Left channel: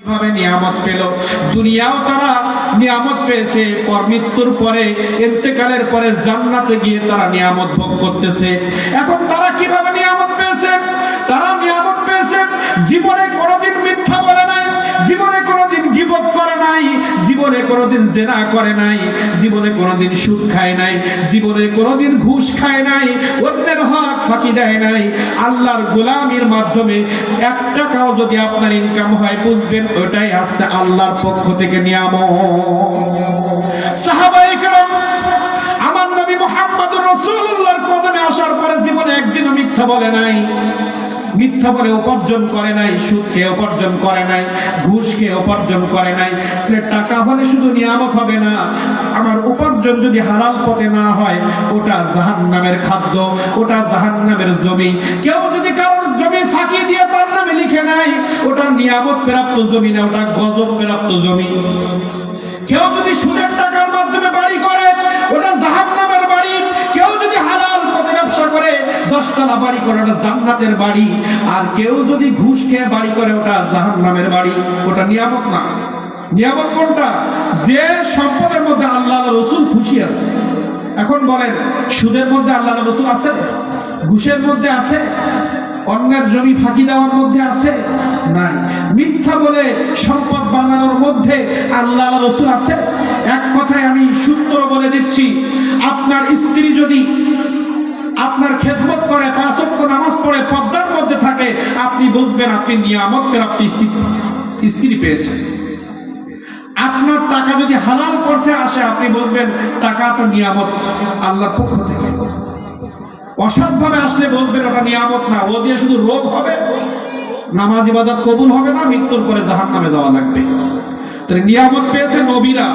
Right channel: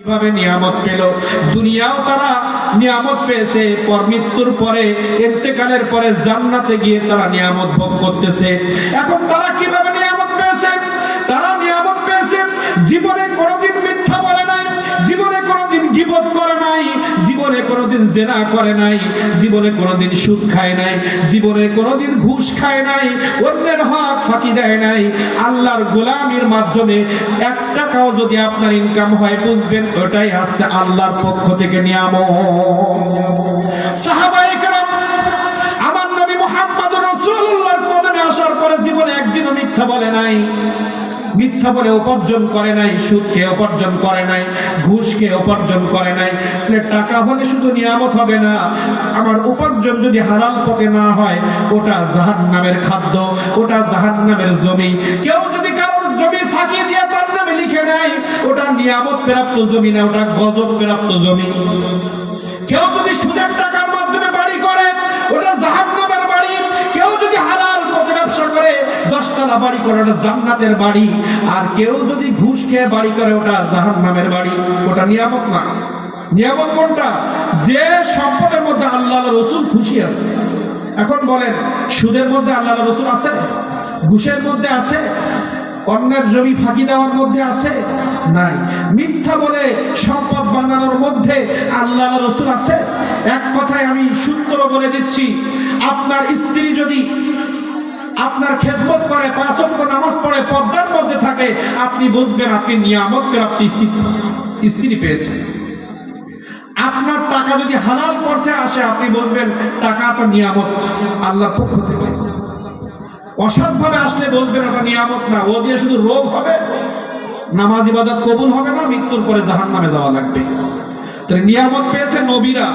কিভাবে নিয়ামত পেল? দুনিয়াও তারা নিয়ামত পেয়েছে, পর মৃত্যুর পরে ইন্তেকালের পরে জান্নাতে গিয়ে তারা নিয়ামত ভোগ করতেছে। এখন তারা কিভাবে নিয়ামত পেয়েছে? তারা নিয়ামত পেয়েছে, জীবনে কোনোদিন মিথ্যা বলে নাই, জীবনে কোনোদিন গীবত করে নাই, জীবনে কোনোদিন জিনা করে নাই, জীবনে কোনোদিন সুদ খায় নাই, জীবনে কোনোদিন ঘুষ খায় নাই, অন্যের হক ফাঁকি দেয় নাই। আল্লাহর গোলামির মাধ্যমে 1 টাকাও যদি আপনার ইনকাম হয়, বুঝবেন ওটাই আছে আল্লাহর পক্ষ থেকে নিয়ামত। সাহাবায়ে কেরাম আমার নবী মুহাম্মদুর রাসূলুল্লাহর কদমে আসার পরে জীবনে একদিনও মিথ্যা বলে নাই, মিথ্যা বলে উপার্জন করে নাই, সুদ খেয়ে উপার্জন করে নাই, ঘুষ খেয়ে উপার্জন করে নাই। টাকা হলে শুধু নিয়ামত হবে না, আমার উপার্জন যদি হালাল পথে না হয়, ওটা জাহান্নামের খাদ্য, ওটা জাহান্নামের জমি। কেউ যদি কারোর জমি ফাঁকি দিয়ে তার নামে লিখে নাই, ওটা নিয়ামত প্রাপ্ত জমি না, ওটা গজব প্রাপ্ত জমি। কেউ যদি সুদের টাকার মাধ্যমে বাড়ি করে, ওটা জাহান্নামের বাড়ি। কেউ যদি হালাল পথে ব্যবসা করে 10 তলা বাড়ি করে, ওটা জান্নাতের বাড়ি। আর কেউ যদি ঘুষ খেয়ে বাড়ি করে, ওটা জাহান্নামের বাড়ি, ওটা নিয়ামত না। নিয়ামত কোনটা? যে সম্পদের মধ্যে আল্লাহ রাসূল খুশি আছে। এখন বলেন, সুদের মধ্যে আল্লাহ রাসূল আছে? ঘুষের মধ্যে আছে? অন্যের জমি ফাঁকি দেওয়ার মধ্যে আছে? নাই। মিথ্যা বলে সম্পদ বানানোর মধ্যে আল্লাহ রাসূল আছে? এক কথায় আমি সূত্র বলে দিচ্ছি, আপনার স্ত্রী যদি আপনার খেদমত করে, 5 ওয়াক্ত নামাজ পড়ে, পর্দার মধ্যে থাকে, আপনি বুঝবেন আপনি নিয়ামত প্রাপ্ত স্ত্রী পেয়েছেন। আপনার টাকা যদি হালাল পথে আসে, আপনি বুঝবেন টাকাটা নিয়ামত আল্লাহর পক্ষ থেকে। অসৎভাবে আসলে বুঝবেন ওটা নিয়ামত না, ও দিয়ে শুধু রোগ হবে, নামাজ ইবাদত কবুল হবে না, মৃত্যুর পরে জাহান্নামে যাওয়া লাগবে। তাহলে নিয়ামত পেয়েছে নবীরা,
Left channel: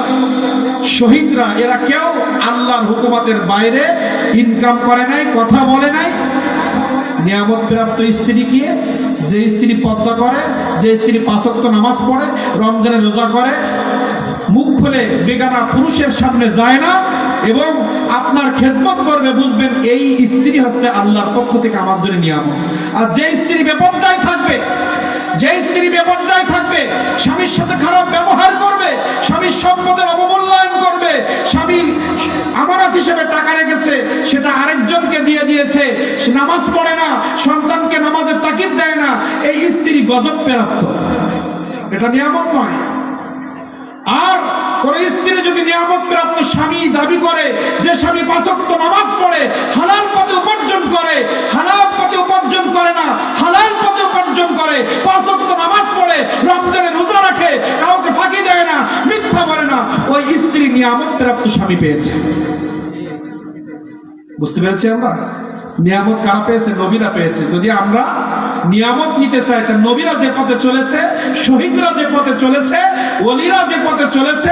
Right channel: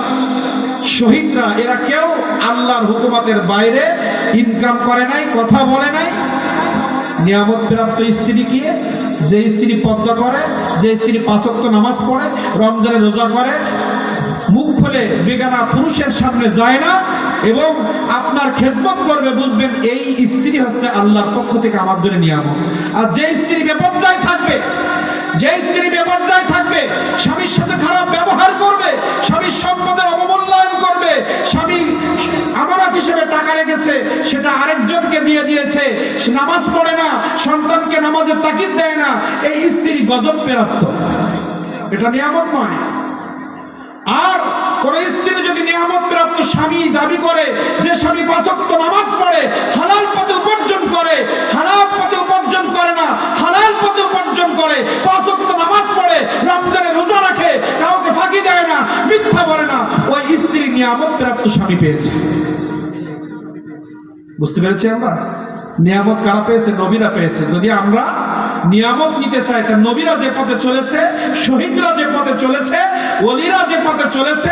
শহীদরা, এরা কেউ আল্লাহর হুকুমতের বাইরে ইনকাম করে নাই, কথা বলে নাই। নিয়ামত প্রাপ্ত স্ত্রী কি? যে স্ত্রী পর্দা করে, যে স্ত্রী 5 ওয়াক্ত নামাজ পড়ে, রমজানে রোজা করে, মুখ খুলে বেগানা পুরুষের সামনে যায় না এবং আপনার খেদমত করবে, বুঝবেন এই স্ত্রী হচ্ছে আল্লাহর পক্ষ থেকে আমার জন্য নিয়ামত। আর যে স্ত্রী বেপরদায় থাকবে, যে স্ত্রী বেপরদায় থাকবে, স্বামীর সাথে খারাপ ব্যবহার করবে, স্বামীর সম্পদের অবমূল্যায়ন করবে, স্বামী আমানত হিসেবে টাকা রেখেছে, সেটা আরেকজনকে দিয়ে দিয়েছে, সে নামাজ পড়ে না, সন্তানকে নামাজের তাকিদ দেয় না, এই স্ত্রী গজব প্রাপ্ত, এটা নিয়ামত নয়। আর কোন স্ত্রী যদি নিয়ামত প্রাপ্ত স্বামী দাবি করে, যে স্বামী 5 ওয়াক্ত নামাজ পড়ে, হালাল পথে উপার্জন করে, হালাল পথে উপার্জন করে না, হালাল পথে উপার্জন করে, 5 ওয়াক্ত নামাজ পড়ে, রমজানে রোজা রাখে, কাউকে ফাঁকি দেয় না, মিথ্যা বলে না, ওই স্ত্রী নিয়ামত প্রাপ্ত স্বামী পেয়েছে। বুঝতে পেরেছি আমরা? নিয়ামত কারা পেয়েছে? নবীরা পেয়েছে। যদি আমরা নিয়ামত নিতে চাই, তা নবীরা যে পথে চলেছে, শহীদরা যে পথে চলেছে, ওলিরা যে পথে চলেছে,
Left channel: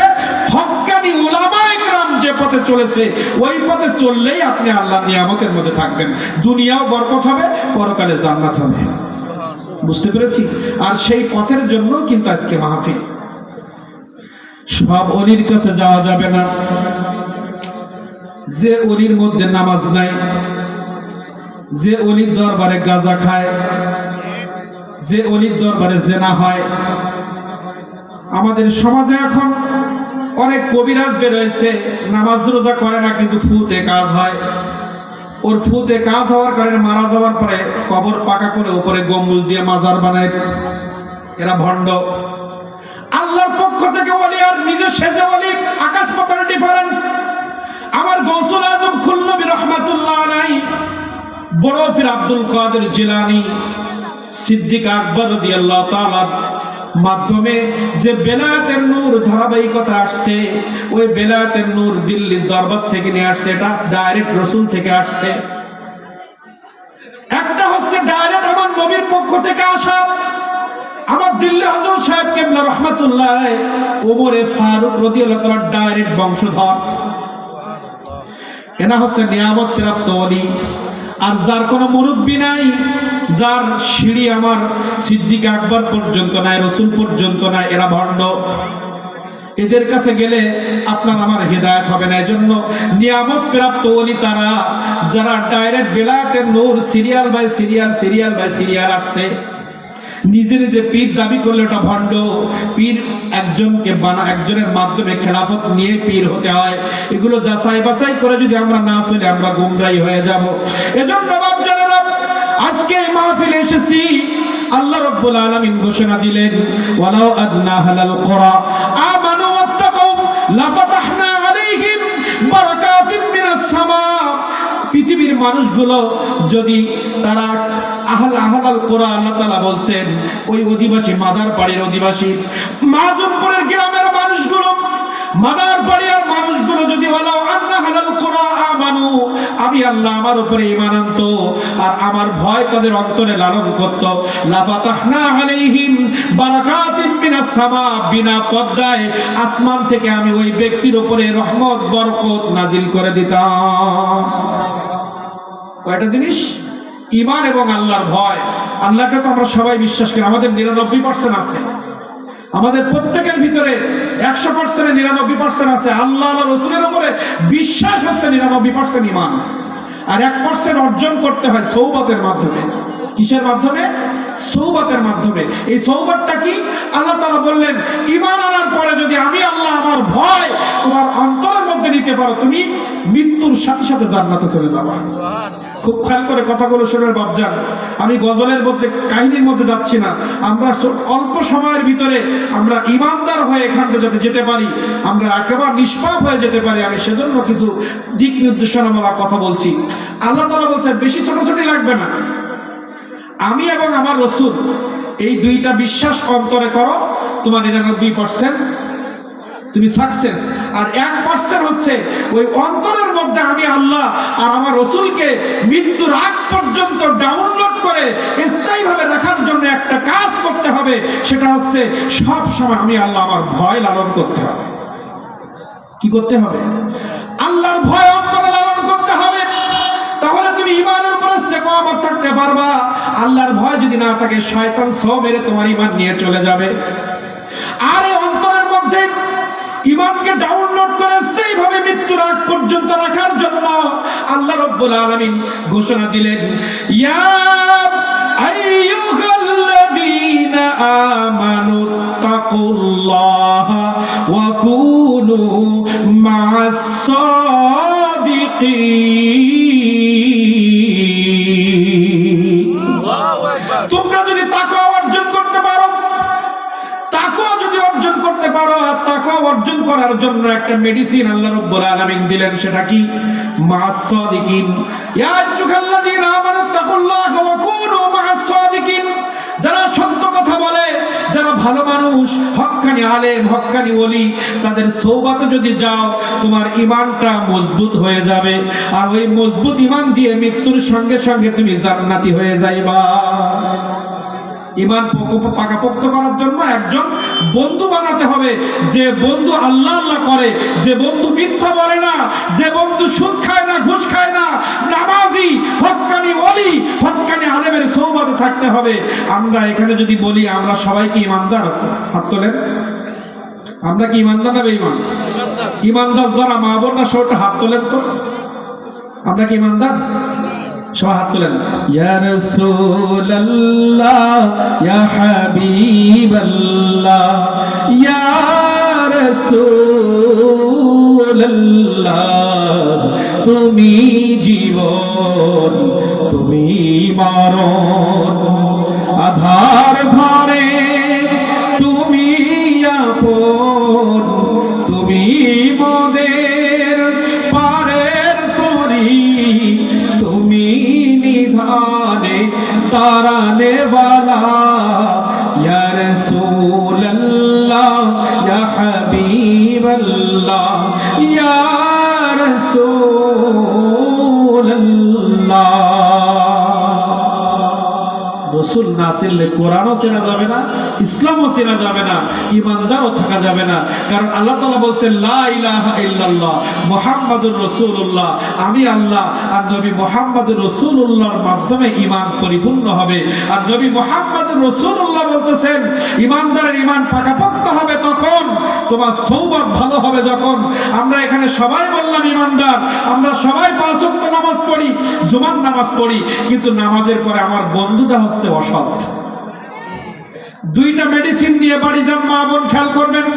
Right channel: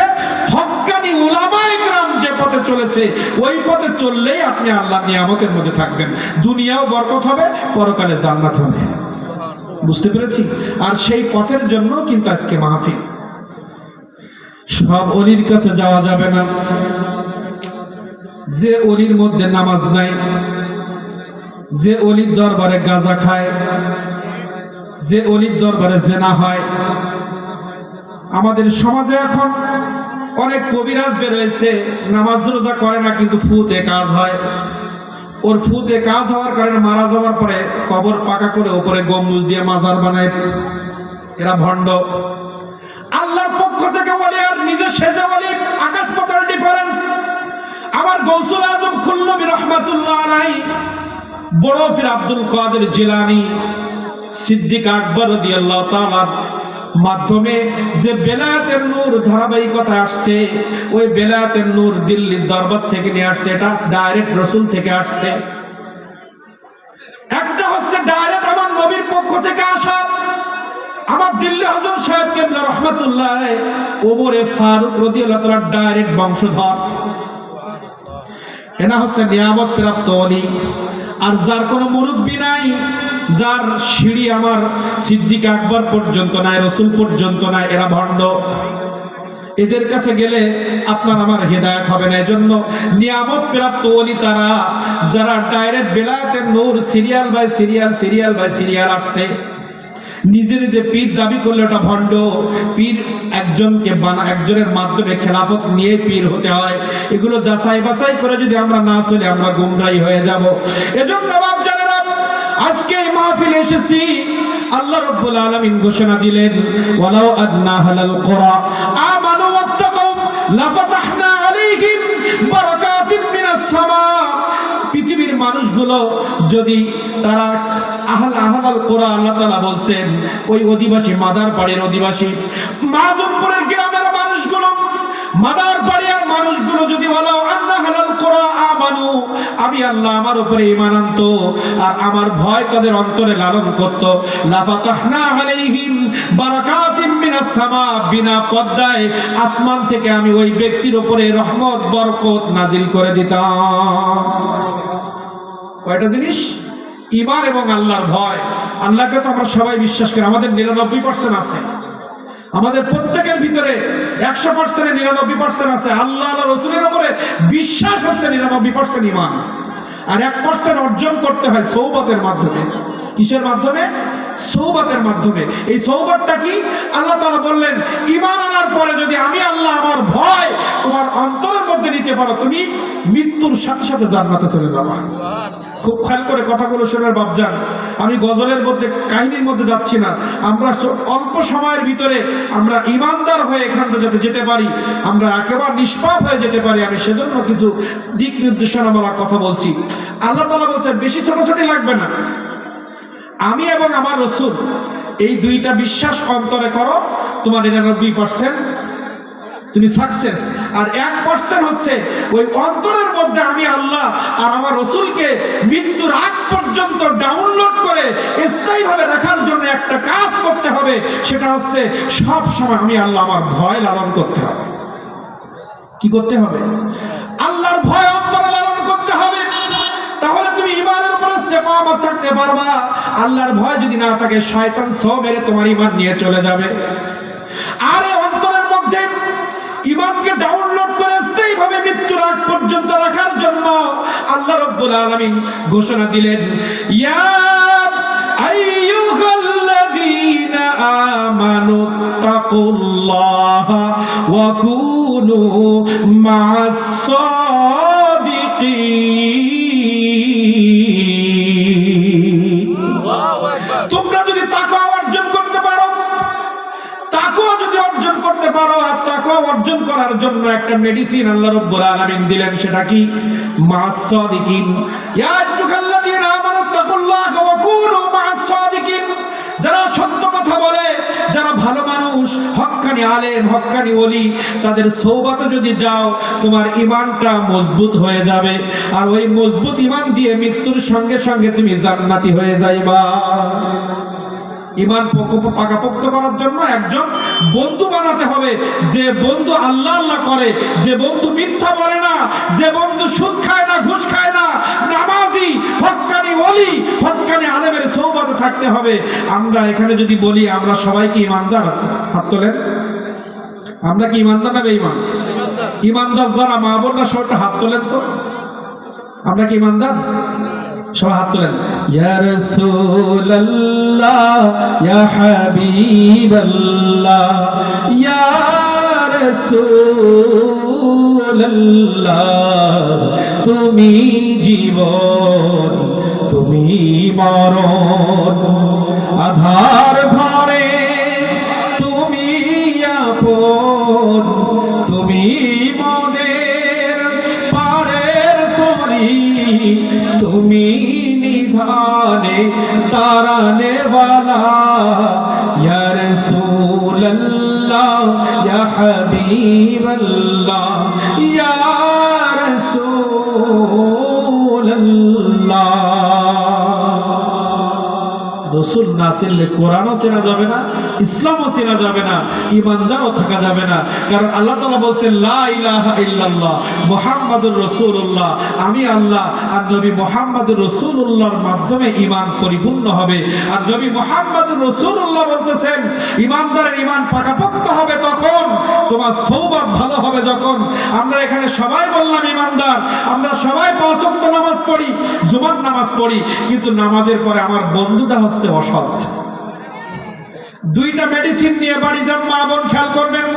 হক্কানি উলামায়ে কেরাম যে পথে চলেছে, ওই পথে চললেই আপনি আল্লাহর নিয়ামতের মধ্যে থাকবেন। দুনিয়াও বরকত হবে, পরকালে জান্নাত হবে। বুঝতে পেরেছি? আর সেই পথের জন্য কিন্তু আজকে মাহফিল। সব ওলির কাছে যাওয়া যাবে না। যে ওলির মধ্যে নামাজ নাই, যে ওলির দরবারে গাঁজা খায়, যে ওলির দরবারে জেনা হয়। আমাদের সমাজে এখন অনেক কবিরাজ বের হয়েছে, নামাজ রোজা করে না, কিন্তু ফুতে কাজ হয়। ওর ফুতে কাজ হওয়ার কারণে মারা যাওয়ার পরে কবর পাকা করে উপরে গম্বুজ দিয়ে মাজার বানায়। এরা ভণ্ড। আল্লাহর পক্ষ থেকে ওলি আর নিজে সেজে ওলি, আকাশ পাতাল ডিফারেন্স। আমার গৌসুল আজম খুলনবী রাহমাতুল্লাহ আলাইহি, বড় পীর আব্দুল কাদের জিলানী, সিদ্দিক আকবর রাদিয়াল্লাহু তাআলা মাধ্যমে যে বেলায়েতের নূর ধারাবাহিকতা আসছে, ওই বেলায়েতের নূর দিল্লির দরবার থেকে নিয়ে আসছে, এটা ডাইরেক্ট রাসূল থেকে আসছে। একটা হচ্ছে ডাইরেক্ট আমার নবীর পক্ষ থেকে আসা, আমার দিল্লি হুজুর সাহেব কিবলা রাহমাতুল্লাহ আলাইহি, ওমরে ফারুক রাদিয়াল্লাহু তাআলা ডাইরেক্ট বংশধর। এনা হচ্ছে নিয়ামত প্রাপ্ত ওলি। আর যার কোনো মুরব্বী নাই, যার সিঁড়ি আমার সিদ্দিক আকবর পর্যন্ত নাই, রাসূল পর্যন্ত নাই, এরা ভণ্ড। এদের কাছে গেলে আপনার আমার হেদায়েত হবে না। এজন্য নিয়ামত প্রাপ্ত ওলি তারা, যারা ডাইরেক্ট বেলায়েতের নূর সিরিয়াল বাই সিরিয়াল আসছে। নিজে নিজে পীর দাবি করলে ওটা ভণ্ড। পীর একজনের মাধ্যমে খেলাফত নিয়ে পীর হতে হয়। এগুলো যাচাই বাছাই করে যদি আমরা না চলে আমরা গুমরাহী হয়ে যাব। এজন্য বাপজানেরা, আজকে এই মাহফিলে এসেছি, আল্লাহ রাব্বুল আলামিন ঘোষণা দিলেন, ওয়ালাউ আদনা হালাল কুরা আমানু ওয়াত্তাকু লাফাতাহনা আলাইহিম বারাকাতিন মিনাস সামা। পৃথিবীর মানুষগুলো যদি তারা আহলাল কোরা, আল্লাহ তাআলা বলছেন ওই অধিবাসী, মাদার বাড়ির অধিবাসী, মাজুমপুরের গ্রামের মানুষগুলো, মাদার বাড়ির মানুষগুলো যদি ওয়ালাউ আন্না হালাল কোরা আমানু, আমি আল্লাহ আমার উপরে ঈমান আনতো আর আমার ভয় তাদের অন্তরে লালন করত, লাফাতাহনা আলাইহিম বারাকাতিন মিনাস সামা, বিনা পর্দায় আসমান থেকে আমি ওই ব্যক্তির উপরে রহমত বরকত নাজিল করে দিতাম। কয়টা জিনিস? ঈমান এবং আল্লাহর ভয়। আল্লাহকে তো আমরা সবাই বিশ্বাস করি, আমাদের 99% আছে, আমাদের প্রত্যেকের ভিতরে 100% 99% আছে। আল্লাহ আর রাসূলের উপরে বিশ্বাস হচ্ছে 99% ঈমান। আর 1% অর্জন করতে হয় সওবাতের মাধ্যমে। কিসের মাধ্যমে? সওবাতের মাধ্যমে। এই সওবাতটা কি? আল্লাহ তাআলা বললেন, ঈমান আনার পরে যদি আমি আল্লাহ আমার ভয় তোমার অন্তরের মধ্যে নিতে পারো, তুমি মৃত্যুর সাথে সাথে জান্নাতে চলে যাবে। খুব খেয়াল করে কথাগুলো শুনে বাপজান, আমি গজলের মধ্যে কাহিনীর মধ্যে যাচ্ছি না। আমরা অল্প সময়ের ভিতরে আমরা ঈমানদার হয়ে এখান থেকে যাতে যেতে পারি, আমরা একেবারে নিষ্পাপ হয়ে যেতে পারি, আমি সেজন্য কিছু দিক নির্দেশনামূলক কথা বলছি। আল্লাহ তাআলা বলছেন বেশি ছোটাছুটি লাগবে না, আমি এবং আমার রাসূল এই দুইটা বিশ্বাস অন্তরে করো, তোমার 99% তুমি সাকসেস। আর 1% হচ্ছে ওই অন্তরের মধ্যে আমি আল্লাহ আর আমার রাসূলকে মৃত্যুর আগ পর্যন্ত ডাউনলোড করে স্থায়ীভাবে রাখার জন্য একটা কাজ করতে হবে, সেটা হচ্ছে সব সময় আমি আল্লাহ আমার ভয় লালন করতে হবে। কি করতে হবে? আল্লাহর ভয় অন্তরে লালন করতে হবে। তাহলে তুমি ঈমানের উপর ইস্তেকামত থাকতে পারবা। আল্লাহর ভয় যদি না থাকে, শয়তান সব মেরে তোমার ঈমান নিয়ে চলে যাবে। আর এই অন্তরের মধ্যে ঈমানকে ডাউনলোড করে স্থায়ীভাবে মৃত্যুর আগ পর্যন্ত রাখার জন্য আল্লাহ রাব্বুল আলামিন ঘোষণা দিলেন, ইয়া আইয়ুহাল্লাযীনা আমানু তাকুল্লাহা ওয়া কুনু মা'আস সাদিকিন। আল্লাহু আকবার। তোমরা যদি তাকওয়া অর্জন করতে পারো, তাকওয়া যদি অর্জন করতে পারো, আর তাকওয়া অর্জন করার জন্য একটা মেডিসিন আল্লাহ রাব্বুল আলামিন দিলেন, সেটা কি? মা'আস সাদিকিন। ইয়া আইয়ুহাল্লাযীনা আমানু তাকুল্লাহা ওয়া কুনু মা'আস সাদিকিন। যারা সত্য কথা বলে, যারা ভালো মানুষ, হক্কানি আলেম, হক্কানি ওলি, তাদের সওবাতে যদি যাও, তোমার ঈমানটা মজবুত হয়ে যাবে। আর ওই মজবুত ঈমান দিয়ে মৃত্যুর সঙ্গে সঙ্গে তুমি জান্নাতি হয়ে যাইবা। ঈমান পাকাপোক্ত করার জন্য একজন বন্ধু বানাতে হবে, যে বন্ধু আল্লাহ আল্লাহ করে, যে বন্ধু মিথ্যা বলে না, যে বন্ধু সুদ খায় না, ঘুষ খায় না, নামাজি, হক্কানি ওলি, হক্কানি আলেমের সওবাতে থাকতে হবে। আমরা এখানে যদি বলি আমরা সবাই কি ঈমানদার? হাত তোলেন। আমরা কি ঈমানদার না বেঈমান? ঈমানদার যারা মা বোনরা সবাই হাত তোলেন তো। আমরা কি ঈমানদার? সবাই হাত তোলেন। ইয়া রাসূলুল্লাহ, ইয়া হাবিবাল্লাহ, ইয়া রাসূলুল্লাহ, তুমি জীবন, তুমি মরণ, আধার ঘরে তুমি আপন, তুমি মোদের পারের তরি, তুমি নিধানে তারানে ওয়ালা, ইয়া রাসূলুল্লাহ, ইয়া হাবিবাল্লাহ, ইয়া রাসূলুল্লাহ। রাসূল না চিনলে কোরআনও চেনা যাবে না, ইসলামও চেনা যাবে না, ঈমানদারও থাকা যাবে না। কারণ আল্লাহ তাআলা বলেছেন, লা ইলাহা ইল্লাল্লাহ মুহাম্মাদুর রাসূলুল্লাহ, আমি আল্লাহ আর নবী মুহাম্মদুর রাসূলুল্লাহর মাধ্যমে ঈমান পরিপূর্ণ হবে। আর নবী মুহাম্মদুর রাসূলুল্লাহ বলতেছেন, ঈমানদারের ঈমান পাকাপোক্ত হবে তখন, তোমার সওবাত ভালো হবে যখন। আমরা এখানে সবাই বললাম ঈমানদার, আমরা সবাই 5 ওয়াক্ত নামাজ পড়ি, জুমার নামাজ পড়ি, কিন্তু নামাজের পরে আমার বন্ধুটা হচ্ছে অসৎ। দুইটা মেডিসিন নিয়ে বাড়ি যান, মা বোন খেয়াল করবেন।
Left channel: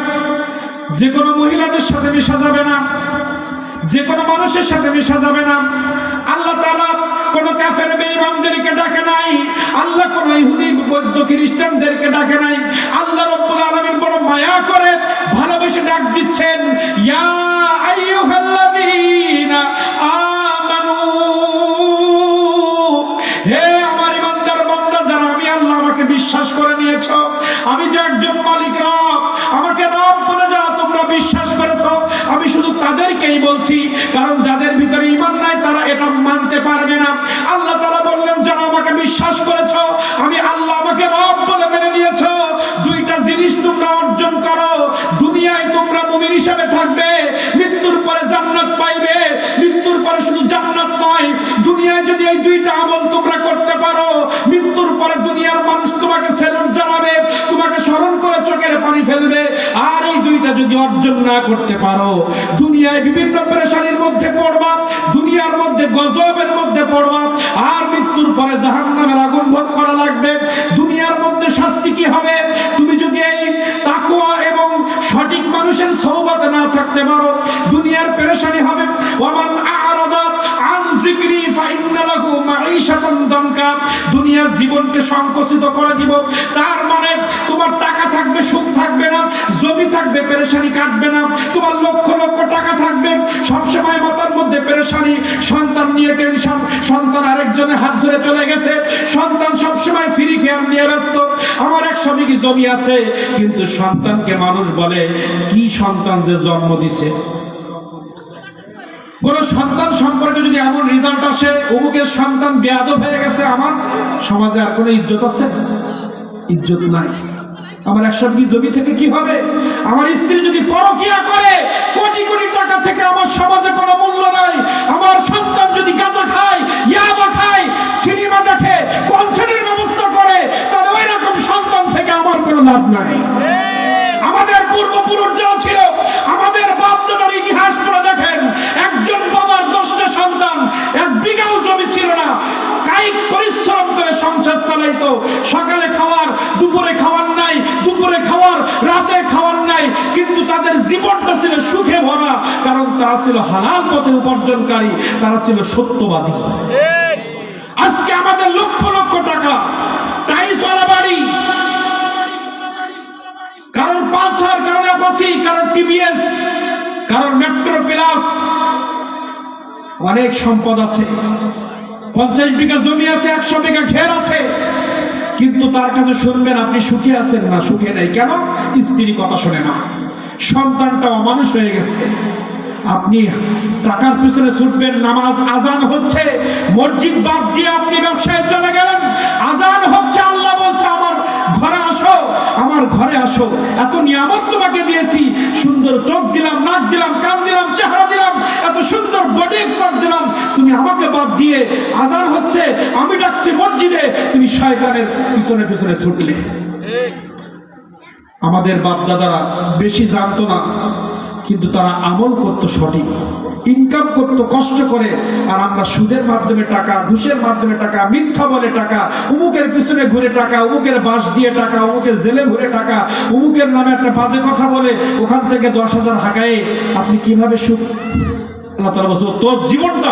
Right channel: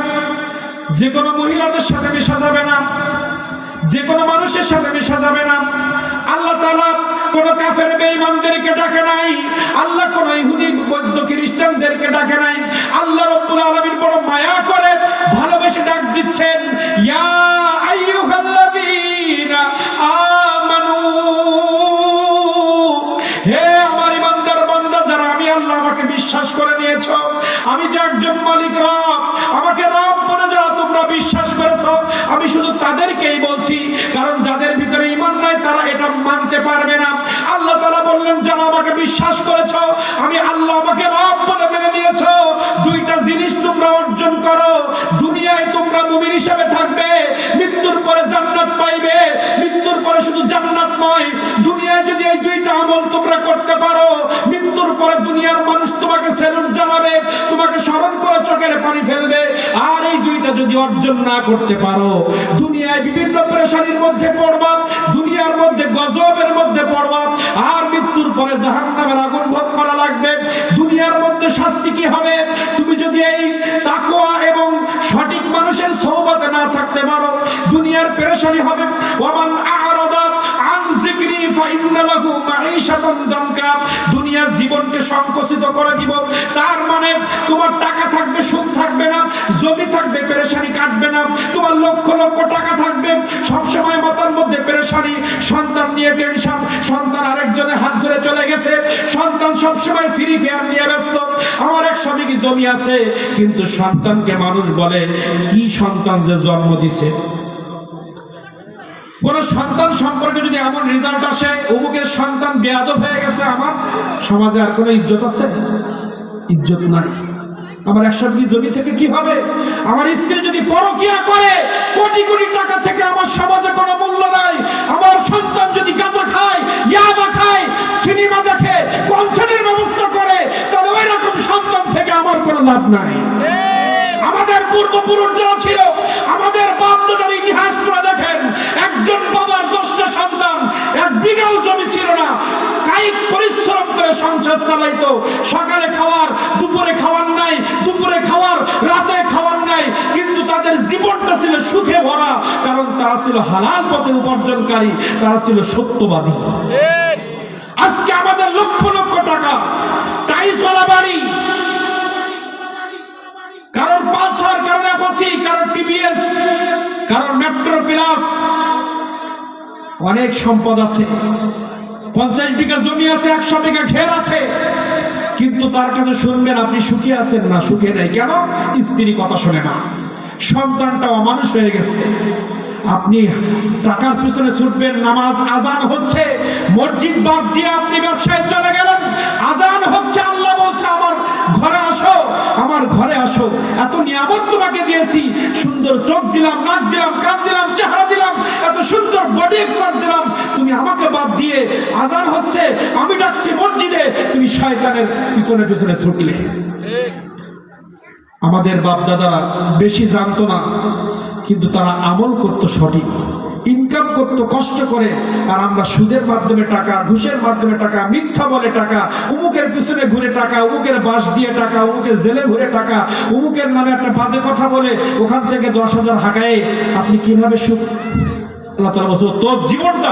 যে কোনো মহিলাদের সাথে মিশা যাবে না, যে কোনো মানুষের সাথে মিশা যাবে না। আল্লাহ তাআলা কোন কাফের বেঈমানদেরকে ডাকে নাই, আল্লাহ কোন ইহুদি বৌদ্ধ খ্রিস্টানদেরকে ডাকে নাই। আল্লাহ রাব্বুল আলামিন বড় মায়া করে ভালোবেসে ডাক দিচ্ছেন, ইয়া আইয়ুহাল্লাযীনা আমানু, হে আমার ইমানদার বান্দা যারা আমি আল্লাহ আমাকে বিশ্বাস করে নিয়েছো, আমি যে একজন মালিক রব, আমাকে রব বলে যারা তোমরা বিশ্বাস করেছো, আমি শুধু তাদেরকেই বলছি, কারণ যাদের ভিতরে ঈমান নাই তারা এটা মানতে পারবে না। আল্লাহ তাআলা বললেন যারা আমাকে বিশ্বাস করেছো, আমি আল্লাহ আমাকে রব বলে মেনে নিয়েছো, দুইটা জিনিস তোমরা অর্জন করো। দুনিয়ায় তোমরা মুমিন হিসেবে থাকবে, মৃত্যুর পরে জান্নাত পাইবে। মৃত্যুর পরে শুধু জান্নাত নয়, দুনিয়ায় যদি এই দুইটা আমল তোমরা করতে পারো, মৃত্যুর পরে দুনিয়ার মানুষ তোমাকে সেলুট জানাবে, তোমাকে স্মরণ করে চোখের পানি ফেলবে। আর এই দুইটা যদি অর্জন না করতে পারো, দুনিয়ায় বিভিন্ন পেরেশানির মধ্যে পড়বা, দুনিয়ার মধ্যে গজবের মধ্যে পড়বা, আর মৃত্যুর পরে জাহান্নামের আগুন ভোগ করা লাগবে। দুনিয়ার মধ্যে শাস্তি কি হবে? তুমি যদি এই তাকওয়া এবং সঠিক মানুষের সোহবতে না থাকতে পারো, দুনিয়ার পেরেশানি হবে। ওয়ামান আ'রাদা আন যিকরি ফাইন্না লাহু মাঈশাতান দানকা, দুনিয়ার জীবনকে সংকুচিত করে দিব। তার মানে তোমার টাকা থাকবে, সুখ থাকবে না, জমি থাকবে, পেরেশানি কাটবে না। তোমার লক্ষ লক্ষ টাকা থাকবে, সব সময় মাথার মধ্যে পেরেশানি, সন্তান নিয়ে টেনশন, সন্তান আরেকজনের হাত ধরে চলে গেছে, সন্তান সব সময় ফ্রি ফায়ার নিয়ে ব্যস্ত। আমার 100 বিঘি জমি আছে, কিন্তু সন্তানকে মানুষ বলে কি সন্তান যে জন্ম দিছে। কোন সন্তান সম্পর্কে যদি এমন রেজাল্ট আসে অমুকের সন্তান বেয়াদব হয়ে গেছে, আমার সমাজে আর কোনো ইজ্জত আছে? ইজ্জত নাই। আমার 100 বিঘি জমি থেকে কি হবে? আমার স্ত্রী যদি পরকিয়া করে, কোটি কোটি টাকা থেকে আমার সমাজে কোনো মূল্য নাই। আমার সন্তান যদি গাঁজা খায়, ইয়াবা খায়, সিনেমা দেখে, কনসার্টের ব্যবস্থা করে, তাহলে ওই রকম সন্তান থেকে আমার কোনো লাভ নাই। আমাদের পূর্বপুরুষ যারা ছিল, আমাদের বাপ দাদার ইতিহাস পড়ে দেখেন, একজন বাবার 10টা সন্তান, 1 বিঘাও জমি ছিল না, কায়িক পরিশ্রম করে সংসার চালাইতো। সকালে খাওয়ার, দুপুরে খাওয়ার নাই, দুপুরে খাওয়ার, রাতে খাওয়ার নাই, কিন্তু তাদের জীবনটা ছিল সুখে ভরা, কারণ তারা ছিল হালাল পথে উপার্জনকারী, তারা ছিল সত্যবাদী। আজকে আমাদের লক্ষ লক্ষ টাকা, টাইলসওয়ালা বাড়ি, কারণ পালসার, কারণ অ্যাপাচি, কারণ টিভিএস, কারণ মেট্রো প্লাস, অনেক সম্পদ আছে। 50 বিঘা জমি আছে, 100 বিঘা ঘের আছে, কিন্তু তার কাছে শুনবেন আপনি সুখী আছেন না, সুখে নেই। কেন? স্ত্রী কথা শোনে না, সন্তানটা অমানুষ হয়ে গেছে। আপনি টাকার পিছনে ছুটবেন, নামাজ আজান হচ্ছে, মসজিদ বাদ দিয়ে আপনি ব্যবসায় চলে গেলেন, আজান হচ্ছে, আল্লাহ বলছে আমার ঘরে আসো, আমার ঘরে আসো, এত নিয়ামত তোমাকে দিয়েছি, সুন্দর চোখ দিলাম, নাক দিলাম, কান দিলাম, চেহারা দিলাম, এত সুন্দর বডি এক্সার দিলাম, তুমি আমাকে বাদ দিয়ে আজান হচ্ছে, আমি ডাকছি মসজিদে, তুমি শয়তানের পিছনে পিছনে ছুটলে। আমাদের বাপ দাদারা বেশি জানতো না, কিন্তু তারা আমল করতো সঠিক, ইনকাম করতো কষ্ট করে। আর আমরা সুদের মাধ্যমে টাকা, ঘুষের মাধ্যমে টাকা, মিথ্যা বলে টাকা, অমুকের পিছনে ঘুরে টাকা, অমুকের বাস দিয়ে টাকা, অমুকের জেলে ঘুরে টাকা, অমুকের নামে একটা বাজে কথা বলে ওখান থেকে 10,000 হাঁকায়ে আপনি কিভাবে সুখ? আল্লাহ তাআলা বলছে তোর জীবনটা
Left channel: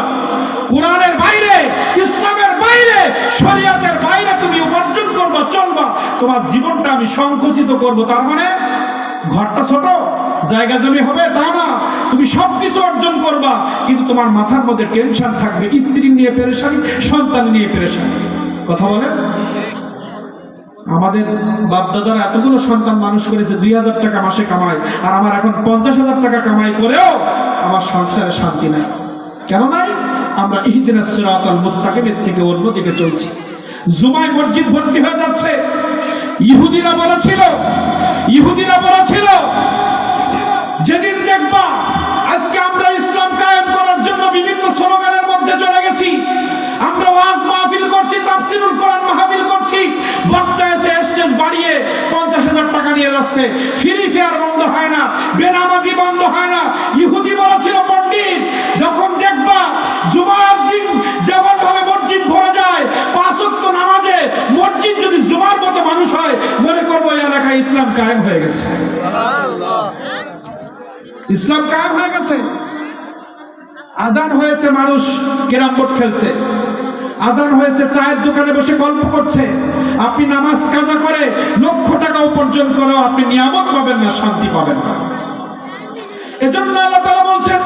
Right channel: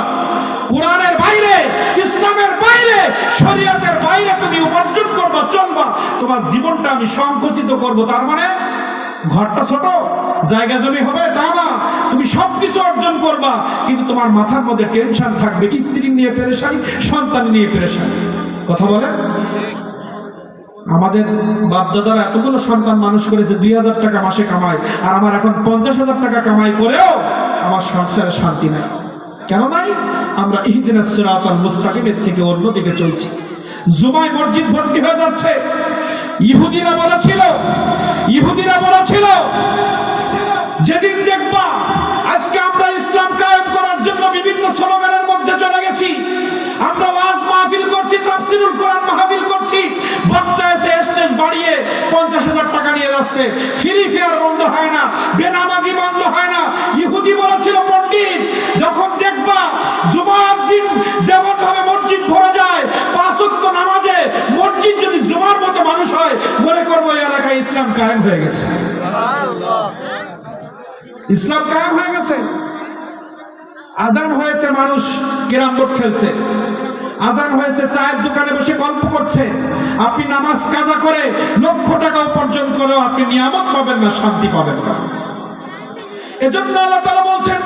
কোরআনের বাইরে, ইসলামের বাইরে, শরীয়তের বাইরে তুমি উপার্জন করবা, চলবা, তোমার জীবনটা আমি সংকুচিত করব। তার মানে ঘরটা ছোট, জায়গা জমি হবে তা না, তুমি সবকিছু অর্জন করবা, কিন্তু তোমার মাথার মধ্যে টেনশন থাকবে, স্ত্রী নিয়ে পেরেশানি, সন্তান নিয়ে পেরেশানি। কথা বলেন? আমাদের বাপদাদারা এতগুলো সন্তান মানুষ করেছে, 2000 টাকা মাসে কামায়, আর আমার এখন 50,000 টাকা কামাই করেও আমার সংসারে শান্তি নাই। কেন নাই? আমরা ইহদিনাস সিরাতাল মুস্তাকিমের থেকে অন্যদিকে চলছি। জুমায় মসজিদ ভর্তি হয়ে যাচ্ছে। ইহুদিরা বলেছিল যেদিন দেখবা আজকে আমরা ইসলাম কায়েম করার জন্য বিভিন্ন স্লোগানের মধ্যে চলে গেছি, আমরা ওয়াজ মাহফিল করছি, তাফসীরুল কোরআন মাহফিল করছি, বক্তা এসে স্টেজ বাড়িয়ে 50,000 টাকা নিয়ে যাচ্ছে, ফ্রি ফায়ার বন্ধ হয় না, বেনামাজি বন্ধ হয় না। ইহুদি বলেছিল পণ্ডিত, যখন দেখবা জুমার দিন যেমন ভাবে মসজিদ ভরে যায়, 5 ওয়াক্ত নামাজে মসজিদ যদি জুমার মতো মানুষ হয়, মনে করবো ইসলাম কায়েম হয়ে গেছে। ইসলাম কায়েম হয়ে গেছে। আজান হয়েছে, মানুষ ক্যারাম বোর্ড খেলছে। আজান হয়েছে, চায়ের দোকানে বসে গল্প করছে। আপনি নামাজ কাজা করে লক্ষ টাকা উপার্জন করে আপনি নিয়ামত পাবেন না, শান্তি পাবেন না। এজন্য আল্লাহ তাআলা বলছেন,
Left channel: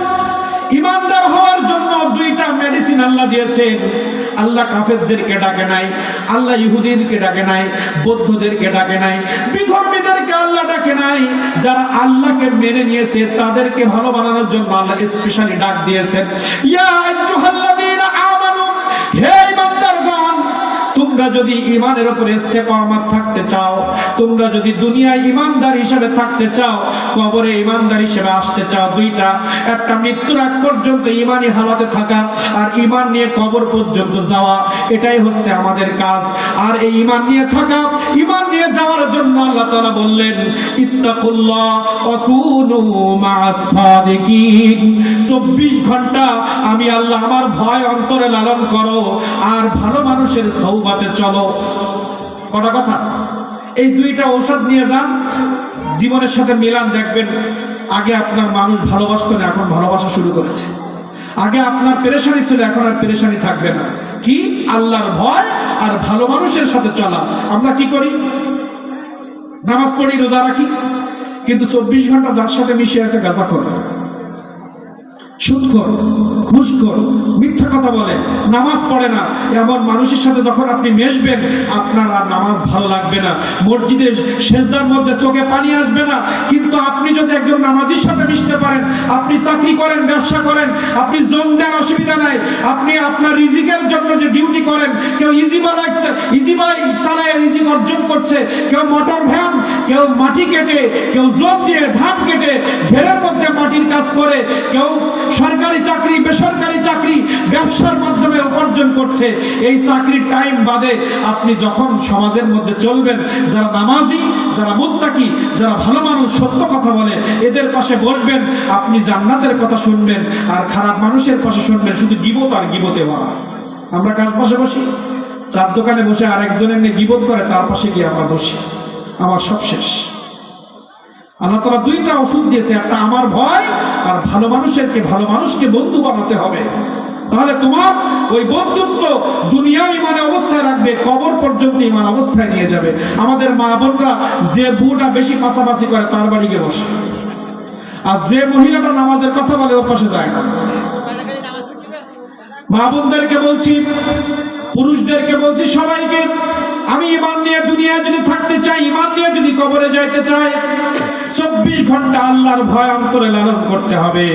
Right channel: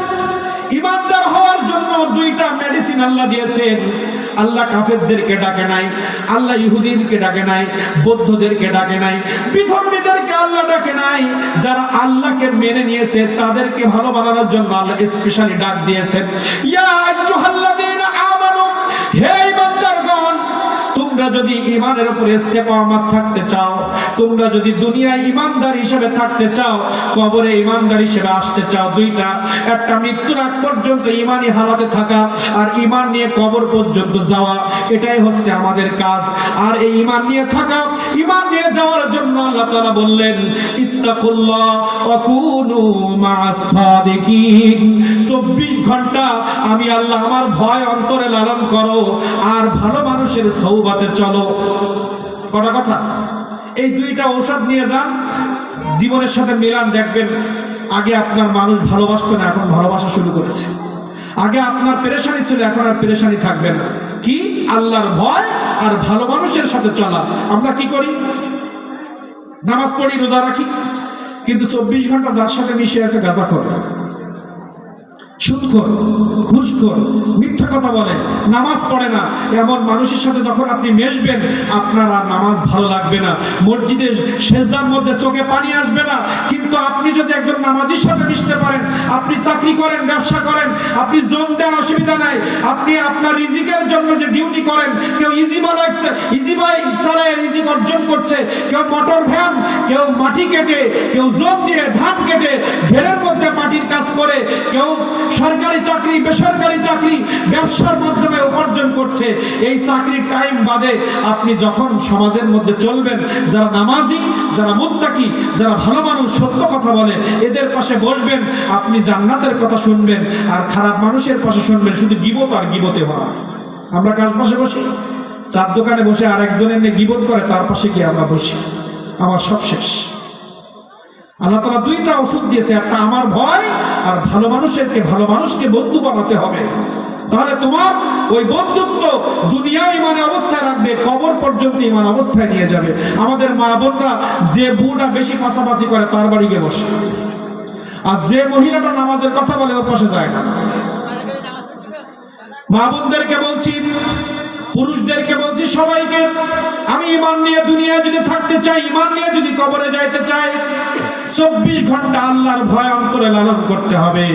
ইমানদার হওয়ার জন্য দুইটা মেডিসিন আল্লাহ দিয়েছেন। আল্লাহ কাফেরদেরকে ডাকে নাই, আল্লাহ ইহুদিদেরকে ডাকে নাই, বৌদ্ধদেরকে ডাকে নাই, বিধর্মীদেরকে আল্লাহ ডাকে নাই। যারা আল্লাহকে মেনে নিয়েছে তাদেরকে ভালো বানানোর জন্য আল্লাহ স্পেশালি ডাক দিয়েছেন, ইয়া আইয়ুহাল্লাযীনা আমানু, হে ঈমানদারগণ, তোমরা যদি ঈমানের উপর ইস্তেকামাত থাকতে চাও, তোমরা যদি দুনিয়ায় ঈমানদার হিসেবে থাকতে চাও, কবরে ঈমানদার হিসেবে আসতে চাও, দুইটা, একটা মৃত্যুর আগ পর্যন্ত ঈমানি হালাতে থাকা আর ঈমান নিয়ে কবর পর্যন্ত যাওয়া, এটাই হচ্ছে আমাদের কাজ। আর এই ঈমান নিয়ে থাকা, ঈমান নিয়ে যাওয়ার জন্য আল্লাহ তাআলা বললেন, ইত্তাকুল্লাহ ওয়া কুনু মা'আস সাদিকিন। 24 ঘন্টা আমি আল্লাহ আমার ভয় অন্তরে লালন করো আর ভালো মানুষের সওবাতে চলো। কটা কথা? এই দুইটা ঔষধ নিয়ে যান, জীবনের সাথে মিলান, দেখবেন আগে আপনার মানুষ ভালোবাসতো না, এখন ভালোবাসা শুরু করেছে। আগে আপনার পেরেশানি ছিল, এখন আর পেরেশানি থাকবে না। কি? আল্লাহর ভয় আর ভালো মানুষের সাথে চলা। আমরা কি করি? নামাজ পড়ি, রোজা রাখি, কিন্তু 24 ঘন্টা যার সাথে মিশে একটা গাঁজাখোর, সুদখোর, ঘুষখোর, মিথ্যা কথা বলে, নামাজ পড়ে না, এমন মানুষের সাথে যখন আপনি মেশবেন আপনার আর নামাজ ভালো লাগবে না, মসজিদে সেজদার মধ্যে চোখে পানি আসবে না। কিন্তু আপনি যদি একজন নামাজীর সাথে মিশতে পারেন, আপনি চাকরি করেন, ব্যবসা করেন, আপনি যোগ দেন, অসুবিধা নাই, আপনি আপনার রিজিকের জন্য যে ডিউটি করেন, কেউ ইজি বাই চালায় রিজিক অর্জন করছে, কেউ মোটর ভ্যান, কেউ মাটি কেটে, কেউ যোগ দিয়ে ধান কেটে ঘেরের মধ্যে মাটির কাজ করে, কেউ সরকারি চাকরি, বেসরকারি চাকরি, ব্যবসার মাধ্যমে উপার্জন করছে। এই চাকরির টাইম বাদে আপনি যখন সমাজের মধ্যে চলবেন, যারা নামাজি, যারা মুত্তাকি, যারা ভালো মানুষ, সত্য কথা বলে, এদের পাশে বসবেন, আপনি জান্নাতের কথা শুনবেন। আর খারাপ মানুষের পাশে শুনবেন শুধু গীবত আর গীবতে ভরা। আমরা কার পাশে বসি? চার দোকানে বসে আর একজনের নিয়ে গীবত করে, তার পাশে গিয়ে আমরা বসি, আমার সব শেষ। আল্লাহ তাআলা দুইটা ওষুধ দিয়েছে, একটা আমার ভয় আর ভালো মানুষকে বন্ধু বানাতে হবে। তাহলে তোমার ওই বন্ধুত্ব দুনিয়া ইমানে অবস্থায় রাখবে, কবর পর্যন্ত ইমান অবস্থায় নিয়ে যাবে। আমাদের মা বোনরা যে বুড়া বেশি পাশাপাশি করে তার বাড়ি গিয়ে বসে, আর যে মহিলাটা নামাজের কথা বলে ও পাশে যায় না। মা বোনদেরকে বলছি, পুরুষদেরকে বলছি, সবাইকে, আমি ইমান নিয়ে দুনিয়ায় যদি থাকতে চাই, ইমান নিয়ে যদি কবরে যাইতে চাই, 24 ঘন্টা আল্লাহর ভয় অন্তরে লালন করতে হবে।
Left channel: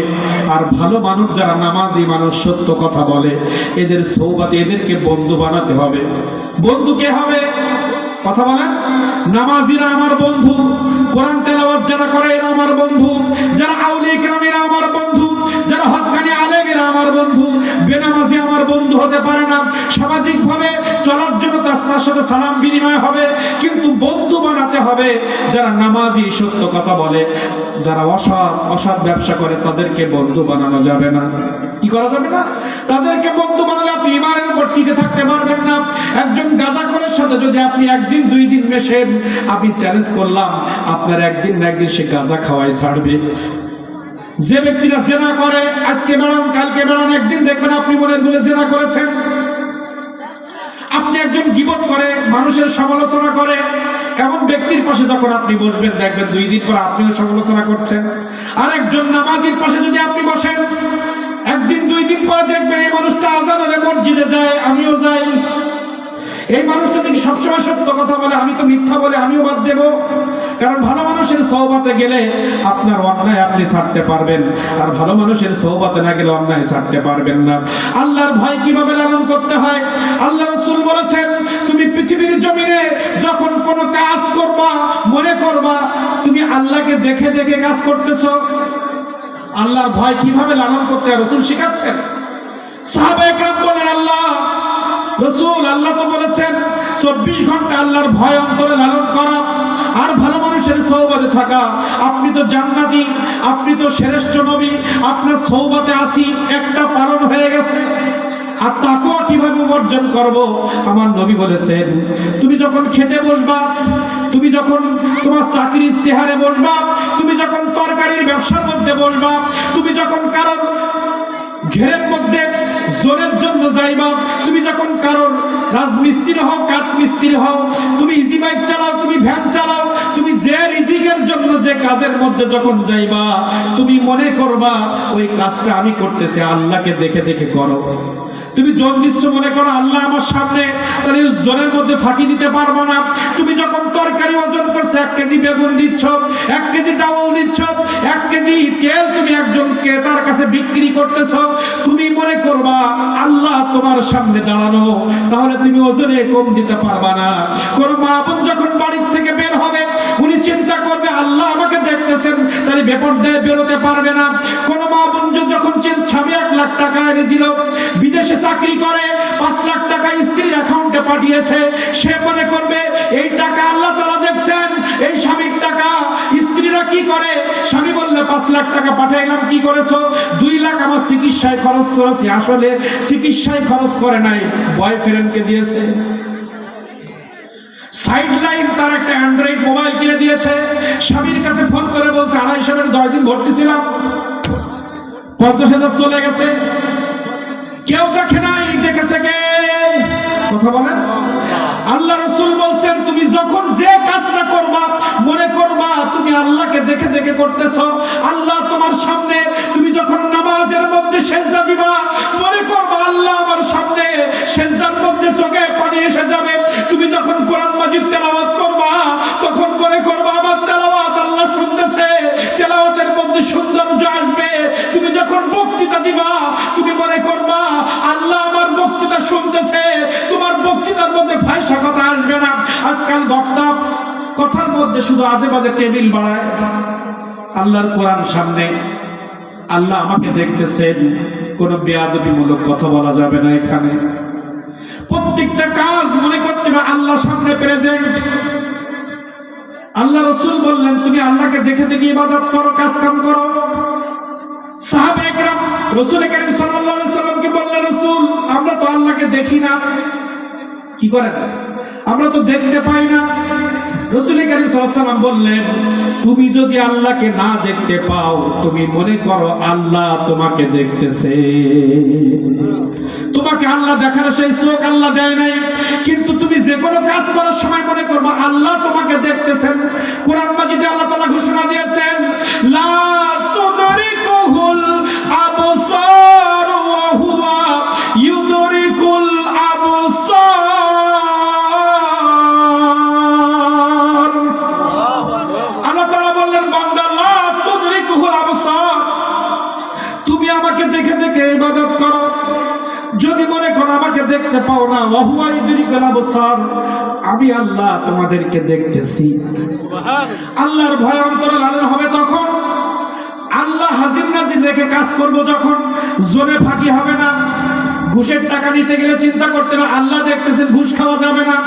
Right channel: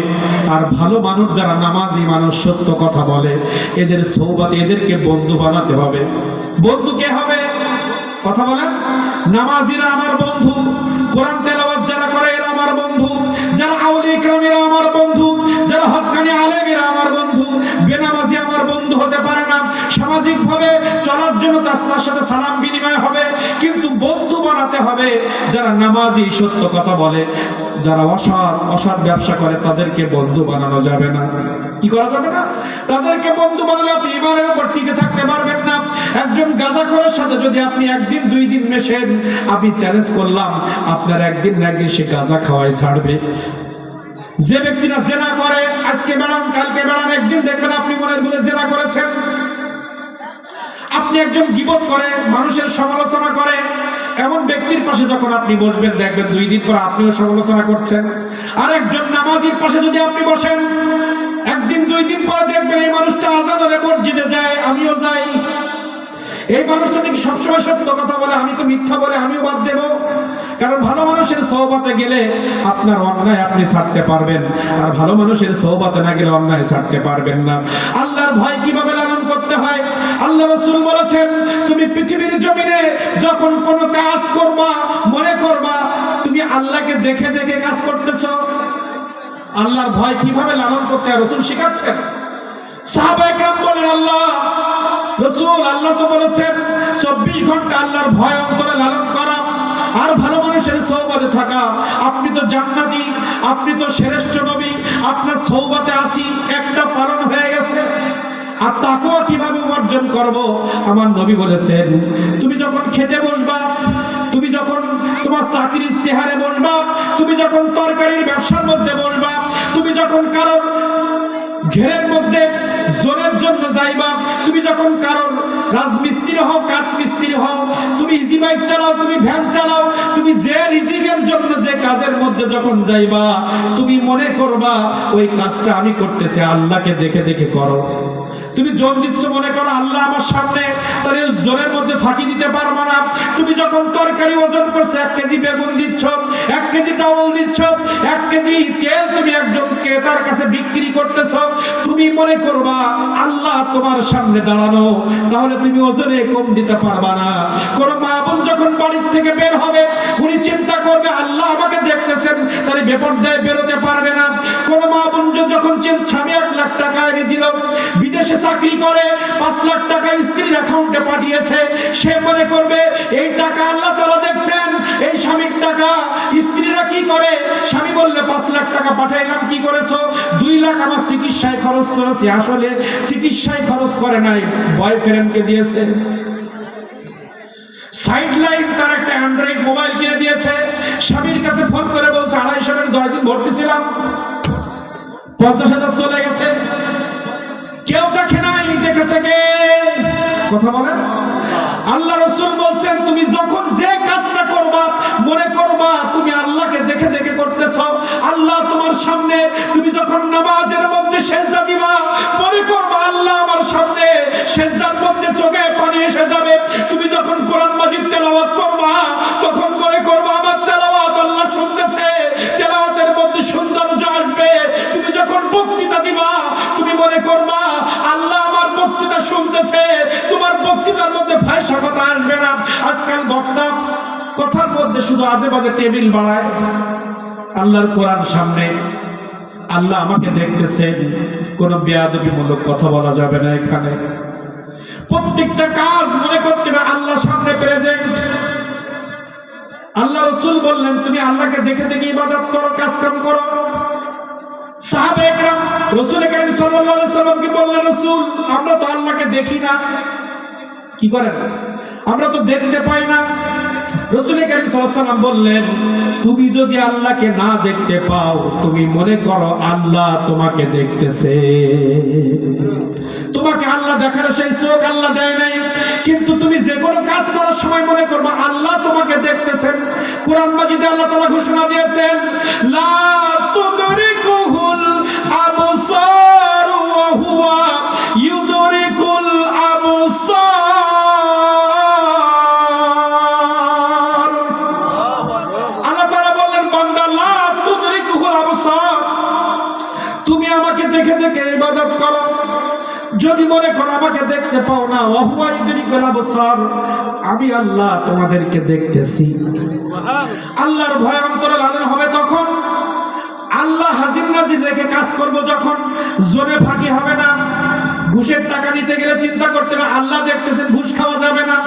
আর ভালো মানুষ যারা নামাজি মানুষ, সত্য কথা বলে, এদের সওবাতে, এদেরকে বন্ধু বানাতে হবে। বন্ধু কে হবে? কথা বলেন। নামাজিরা আমার বন্ধু, কোরআন তেলাওয়াত যারা করে এরা আমার বন্ধু, যারা আউলিয়া কিরামেরা আমার বন্ধু, যারা হক্কানি আলেমেরা আমার বন্ধু। বেনামাজি আমার বন্ধু হতে পারে না। সামাজিক ভাবে চলার জন্য তার সাথে সালাম বিনিময় হবে, কিন্তু বন্ধু বানাতে হবে যারা নামাজি, সত্য কথা বলে। যারা অসৎ ব্যবসা করে তাদেরকে বন্ধু বানানো যাবে না। কি করা যাবে না? তাদেরকে বন্ধু বানালে আপনি ইমানের উপর টিকে থাকতে পারবেন না। একজন গাঁজাখোরের সাথে যদি আপনি একদিন 2 দিন মেশেন, আমি চ্যালেঞ্জ করলাম আপনার একদিন না একদিন সে গাঁজা খাওয়াই ছাড়বে। যে ব্যক্তিরা জেনা করে, আজকে বেড়ান, কালকে বেড়ান, একদিন দেখবেন আপনি মনের ভুলে জেনা করেছেন। আপনি একজন গীবত করে, মানুষের সমালোচনা করে, এমন ব্যক্তির পাশে যখন আপনি বসবেন, দেখবেন 2 দিন পর আপনিও সমালোচনা করছেন। আর একজন নামাজির পাশে যদি আপনি বসেন, একদিন 2 দিন পরে দেখবেন এই মানুষটা আজান হলে মসজিদে যায়, আমিও যাই। এই মানুষটা দেখি সবসময় সত্য কথা বলে, আমি তো মিথ্যা বলে আমিও বাদ দেব। কারণ ভালো মানুষের সওবাতে গেলে আপনার অন্যায় আপনি ছাড়তে পারবেন, আর ভালো মানুষের সওবাতে না গেলে অন্যায় ছাড়তে পারবেন না। আল্লাহর ভয় কিভাবে লালন করতে হয় আল্লাহ রাসূল বলেছেন, তুমি পৃথিবীর জমিনে যখন কোনো কাজ করবা, মনে করবা তুমি আল্লাহকে দেখে দেখে কাজ করতেছো। আল্লাহর ভয় কিভাবে লালন করতে হয় রাসূল শিখাচ্ছেন। সাহাবায়ে কেরাম বলেন, আল্লাহ রাসূল, আল্লাহ তো বলেছেন 24 ঘন্টা আল্লাহর ভয় অন্তরে লালন করা আর ভালো মানুষের সওবাতে থাকা। আপনি তো জান্নাতি, আপনি তো শ্রেষ্ঠ নবী, আপনার সওবাতে আসি একটা পালন হয়ে গেছে। আর তাকওয়া কিভাবে অর্জন করব? আমার নবী বলেছেন, তুমি যখন খেতে বসবা তুমি যখন তোমার চাকরির চেহারে বসবা, তুমি যখন তরকারির ব্যবসার মধ্যে বসবা, তুমি যখন কারোর ঘেরের মধ্যে জোরের জন্য যাইবা, তুমি যখন কারোর রাজমিস্ত্রি হও, কাঠ মিস্ত্রি হও, তুমি ইজি বাইক চালাও, তুমি ভ্যান চালাও, তুমি যে রিজিকের জন্য যে কাজের মধ্যে যখন যাইবা, তুমি মনে করবা ওই কাজটা আমি করতেছি আল্লাহকে দেখে দেখে করো। তুমি জন দিচ্ছ মনে করো আল্লাহ আমার সামনে, তাহলে জনের মধ্যে ফাঁকি দিতে পারবো না। তুমি যখন তরকারি ওজন করছো, 1 কেজি বেগুন দিচ্ছ, 1 কেজি ডাউল দিচ্ছ, 1 কেজি তেল তুমি একজন ক্রেতার কাছে বিক্রি করতেছো, তুমি মনে করবা আল্লাহ তোমার সামনে দাঁড়ানো, তাহলে তুমি ওজনে কম দিতে পারবা না। কোন মা বোন যখন বাড়ির থেকে বের হবে, উনি চিন্তা করবে আল্লাহ আমাকে দেখতেছেন, তাহলে বেপরদায় বেরোতে পারবে না। কোন মা বোন যখন স্বামী 1 লাখ টাকা এনে দিল, বিদেশে চাকরি করে 5 লাখ টাকা স্ত্রীর অ্যাকাউন্টে পাঠিয়েছে, সে মনে করবে এই টাকা আল্লাহ তাআলা দেখছেন, এই স্বামীর টাকা। স্ত্রীরা কি করে, স্বামী বললে 5 লাখ টাকা পাঠাইলাম, কি করেছো? 2 লাখ আমার চিকিৎসায় খরচ করেছে। আসলে চিকিৎসায় খরচ করে নাই, বয়ফ্রেন্ডকে দিয়েছে। সাইডলাইন তার একটা অ্যান্ড্রয়েড মোবাইল কিনে দিয়েছে, স্বামীর কাছে ফোন করে বলছে 250 10 দিন ভর্তি ছিলাম, 50,000 চলে গেছে। কেউ দেখে নাই, দেখেছে কে? কথা বলেন। আল্লাহ রাসূল বলছেন তুমি যখন যে কাজটা করবা, মনে করবা তুমি আল্লাহকে দেখে দেখে করতেছো, আল্লাহ তোমার সামনে। তুমি যখন নামাজের মধ্যে সিজদা দিবা, মনে করবা আল্লাহ আমার সামনে, সিজদার মধ্যে চোখে পানি এসে যাবে। তুমি যখন কোরআন মাজিদ তেলাওয়াত করবা, তখন মনে করবা আমার তেলাওয়াত আল্লাহ শুনতেছে, তেলাওয়াতের মধ্যে সৌন্দর্য আসবে। তুমি যখন বক্তৃতা দিবা, তুমি মনে করবা আল্লাহ আমার বক্তৃতা শুনতেছে, তোমার বক্তৃতার মধ্যে ফাহিশা কথা আসবে না। আজকাল বক্তা কথার মধ্যে শুধু আজে বাজে টেবিল বাড়ায়। আল্লাহর কোরআন সামনে, আল্লাহ আমাকে দেখতেছেন, কোন বেয়াদবিমূলক কথা বলা যাবে না এখানে। প্রত্যেকটা কাজ মনে করতে হবে আল্লাহর সামনে প্রেজেন্ট। আল্লাহ রাসূল বললেন তুমি আল্লাহকে দেখে দেখে ইবাদত করো, কাজ কাম করো। সাহাবায়ে কেরাম রাসূল কারীম সাল্লাল্লাহু আলাইহি সাল্লামকে বললেন রাসূল আমরা তো আল্লাহকে দেখি না। কি করেন? আমরা তো দেখতে পাই না। রাসূল কারীম সাল্লাল্লাহু আলাইহি সাল্লাম বললেন তুমি যদি আল্লাহকে না দেখতে পাও, তুমি মনে করো আল্লাহ তোমাকে দেখতেছে। তোমাকে আল্লাহ দেখার সেই চোখ আল্লাহ দেয় নাই, কিন্তু তুমি যে কোনো কাজ করার সময় মনে করবে আল্লাহ তোমাকে দেখতেছেন। কোরআন মাজিদে আল্লাহ তাআলা ঘোষণা দিয়েছেন লা তুদরিকুহুল আবসার ওয়া হুয়া ইউদরিকুল আবসার। আল্লাহ তাআলা বললেন বান্দা লা তুদরিকুহুল আবসার, তুমি আমাকে দেখে দেখে ইবাদত করো। যদি মনে করো আমাকে দেখতে পাও না, ওয়া হুয়া ইউদরিকুল আবসার, আমি আল্লাহ তোমাদেরকে দেখতেছি। আল্লাহর ভয় অন্তরে লালন হবে তখন, আল্লাহ হাজির নাজির রেখে কাজ করব যখন, জোরে ফাঁকি হবে না। ঘুষের টাকা নিতে গেলে চিন্তা করতে হবে আল্লাহ দেখতেছেন, ঘুষ খাওয়া যাবে না।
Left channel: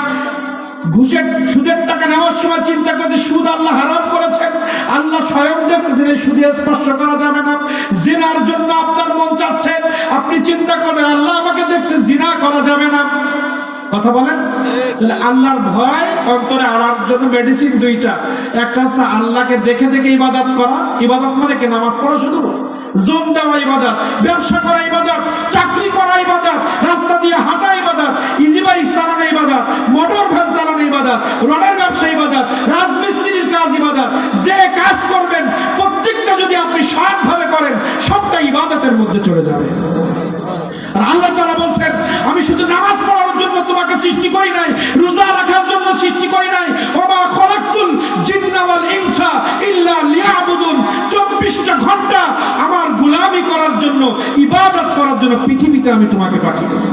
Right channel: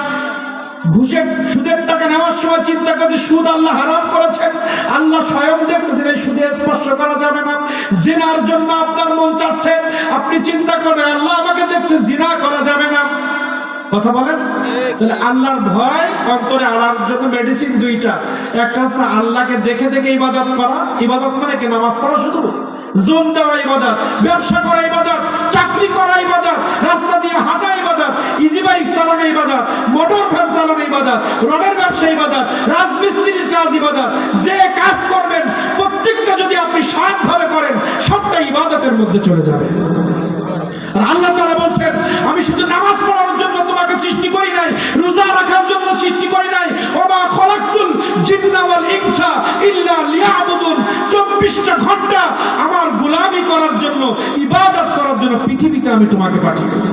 সুদের টাকা নেওয়ার সময় চিন্তা করতে সুদ আল্লাহ হারাম করেছেন, আল্লাহ স্বয়ং দেখতেছেন, এই সুদে স্পর্শ করা যাবে না। জিনার জন্য আপনার মন চাচ্ছে, আপনি চিন্তা করবেন আল্লাহ আমাকে দেখছে, জিনা করা যাবে না। কথা বলেন। তাহলে আল্লাহর ভয় অন্তরে আনার জন্য মেডিসিন দুইটা, একটা হচ্ছে আল্লাহকে দেখে দেখে ইবাদত করা। ইবাদত মানে কি? নামাজ পড়া শুধু, জোন দেওয়া ইবাদত, ব্যবসা করা ইবাদত, চাকরি করা ইবাদত, রাস্তা দিয়ে হাঁটা ইবাদত, ইজি বাইক চালানো ইবাদত, মোটর ভ্যান চালানো ইবাদত, রডের ব্যবসা ইবাদত, রাজমিস্ত্রির কাজ ইবাদত। যে কাজ করবেন প্রত্যেকটা যদি আপনি সৎভাবে করেন, সবটা ইবাদতের মধ্যে চলে যাবে। আর আল্লাহ তাআলা বলছেন আমি শুধু নামাজ পড়ার জন্য তোমাকে সৃষ্টি করি নাই, রোজা রাখার জন্য সৃষ্টি করি নাই। ওমা খলাকতুল জিন্না ওয়াল ইনসা ইল্লা লিয়াবুদুন, 24টা ঘন্টা আমার গোলামি করার জন্য, ইবাদত করার জন্য পৃথিবীতে আমি তোমাকে পাঠিয়েছি।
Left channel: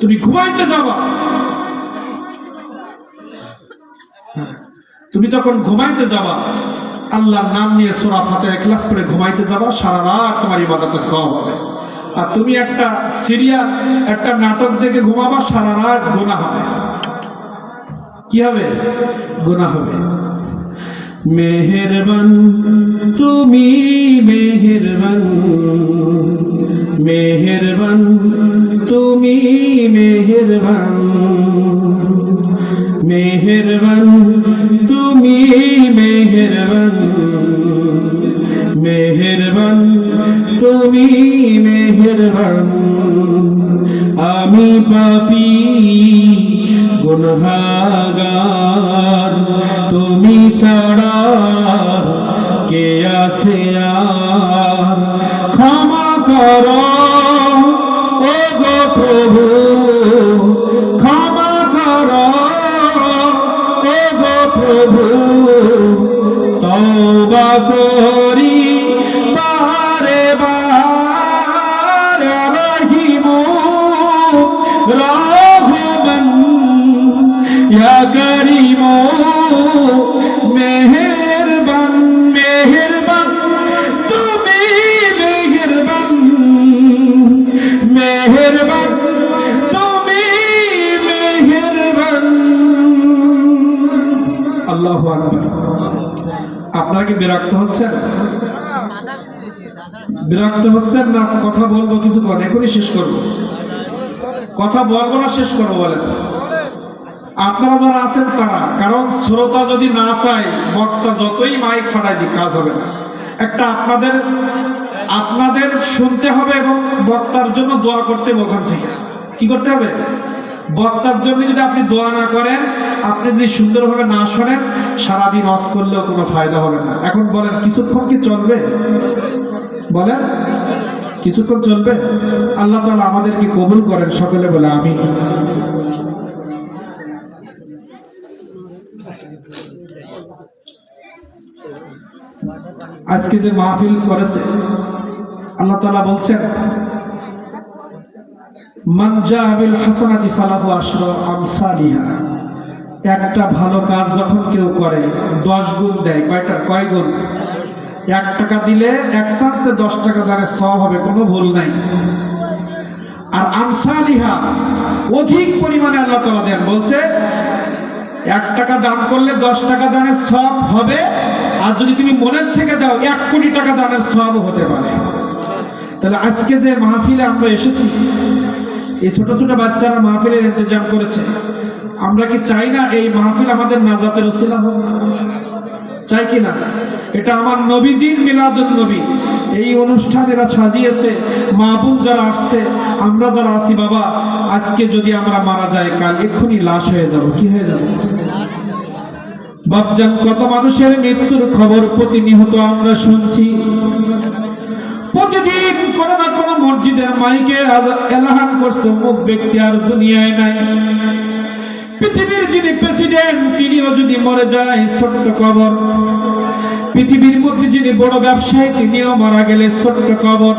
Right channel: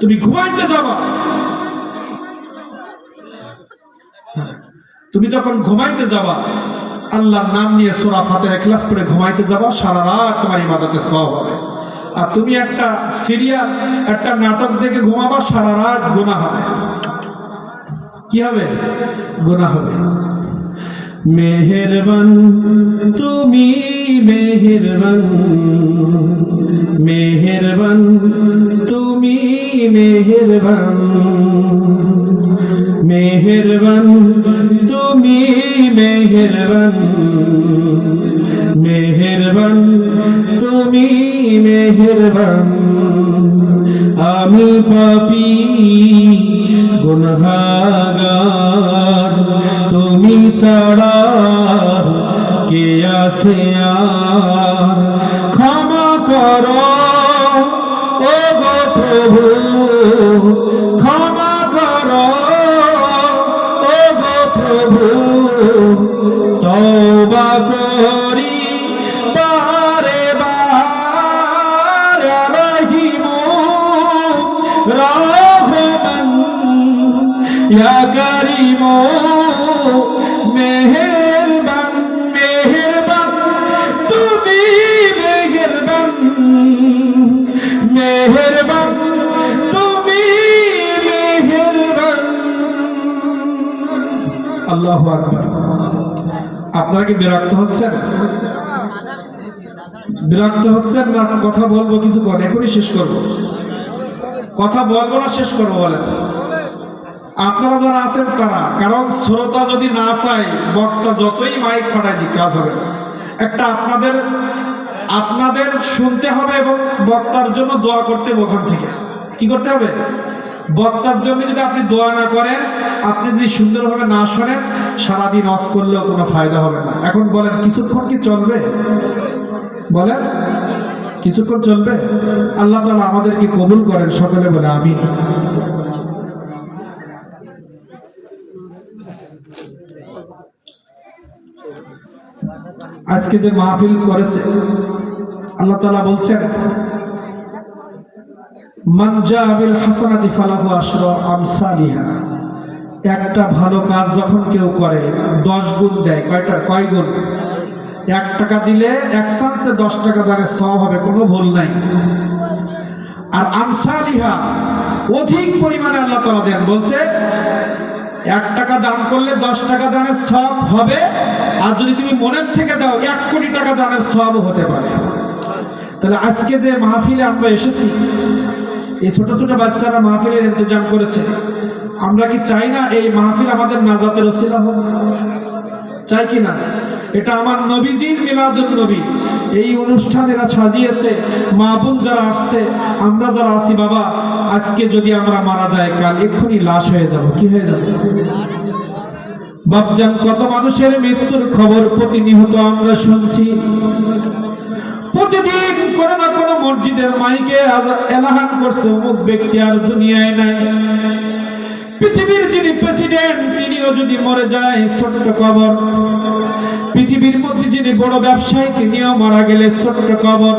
তুমি ঘুমাইতে যাবা, তুমি যখন ঘুমাইতে যাবা আল্লাহর নাম নিয়ে সূরা ফাতিহা ইখলাস পড়ে ঘুমাইতে যাবা, সারা রাত তোমার ইবাদতের সওয়াব হবে। আর তুমি একটা সিরিয়াল, একটা নাটক দেখে ঘুমাবা, সারা রাত গুনাহ হবে। কি হবে? গুনাহ হবে। মেহেরবান তুমি মেহেরবান, মেহেরবান তুমি মেহেরবান, মেহেরবান আমি পাপী গুনাহগার, তুমি ছাড়া কে আছে আর? ক্ষমা করো ও গো প্রভু, ক্ষমা করো ও গো প্রভু, তওবা করি বারে বার, রহিম রহমান ইয়া করিম মেহেরবান, মেহেরবান তুমি মেহেরবান, মেহেরবান তুমি মেহেরবান। আল্লাহু আকবার। আপনারা কি বিরক্ত হচ্ছেন? বিরক্ত হচ্ছেন না? কথা বলবো কিছুক্ষণ, এখনই শেষ করবো। কথা বলবো না শেষ করবো বলেন? আপনারা যারা আছেন তারা, কারণ শ্রোতা যদি না চায় বক্তা যতই মাইক ফাটাই দিক কাজ হবে না। একটা আপনাদের শুনতে হবে এবং বক্তার জন্য দোয়া করতে হবে। ওখান থেকে কি করতে হবে? বক্তার জন্য যদি আপনি দোয়া না করেন, আপনি যদি সুন্দরভাবে না শোনেন, সারাদিন ওয়াজ করলেও কোনো ফায়দা হবে না। এখন বলেন কিছুক্ষণ কি চলবে? বলেন কিছুক্ষণ চলবে? আল্লাহ তাআলা আমাদেরকে কবুল করেন, সকলে বলে আমিন। আজকে যে মাহফিল করেছে, আল্লাহ তাআলা বলছেন মান জা বিল হাসানাতি ফালাহু আশরু আমসালিহা। একটা ভালো কাজ যখন কেউ করে 10 গুণ দেয়। কয় গুণ? 1 টাকা দিলে 1 চান্সে 10 টাকা দানের সওয়াব হবে, কোনো ভুল নাই। আর আমসালিহা অধিক পরিমাণে আল্লাহ তাআলা দেন। বলছে 1 টাকা দান করলে 10 টাকা দানের সওয়াব হবে, আর যদি তুমি মনের থেকে দাও 1 কোটি টাকা দানের সওয়াব হতে পারে। তাহলে আজকে যে মাহফিলে আমরা এসেছি, এই ছোট ছোট বাচ্চারা মাহফিলের ইন্তজাম করেছে। আমরা কি চাই না এই মাহফিল আমাদের নাজাতের ওসিলা হোক? চাই কি না? এটা আমার নবীজির মিলাদুন নবী। এই অনুষ্ঠান এরা সাজিয়েছে, মা বোন যারা আসছে, আমরা যারা আছি, বাবা আজকে যদি আমরা মারা যাই, কাল এক্ষুনি লাশ হয়ে যাব। কি হয়ে যাবে বাপজান? কত মানুষের মৃত্যুর খবর প্রতিনিয়ত আমরা শুনছি। প্রতিদিন কোনো না কোনো মসজিদের মাইকে এলাহান করছে অমুক ব্যক্তি আর দুনিয়ায় নাই। পৃথিবীর যিনি প্রেসিডেন্ট, তিনিও যদি মরে যায়, ছোট্ট কবর। পৃথিবীর মধ্যে যিনি বড় ব্যবসায়ী, তিনিও মারা গেলে ছোট্ট কবর।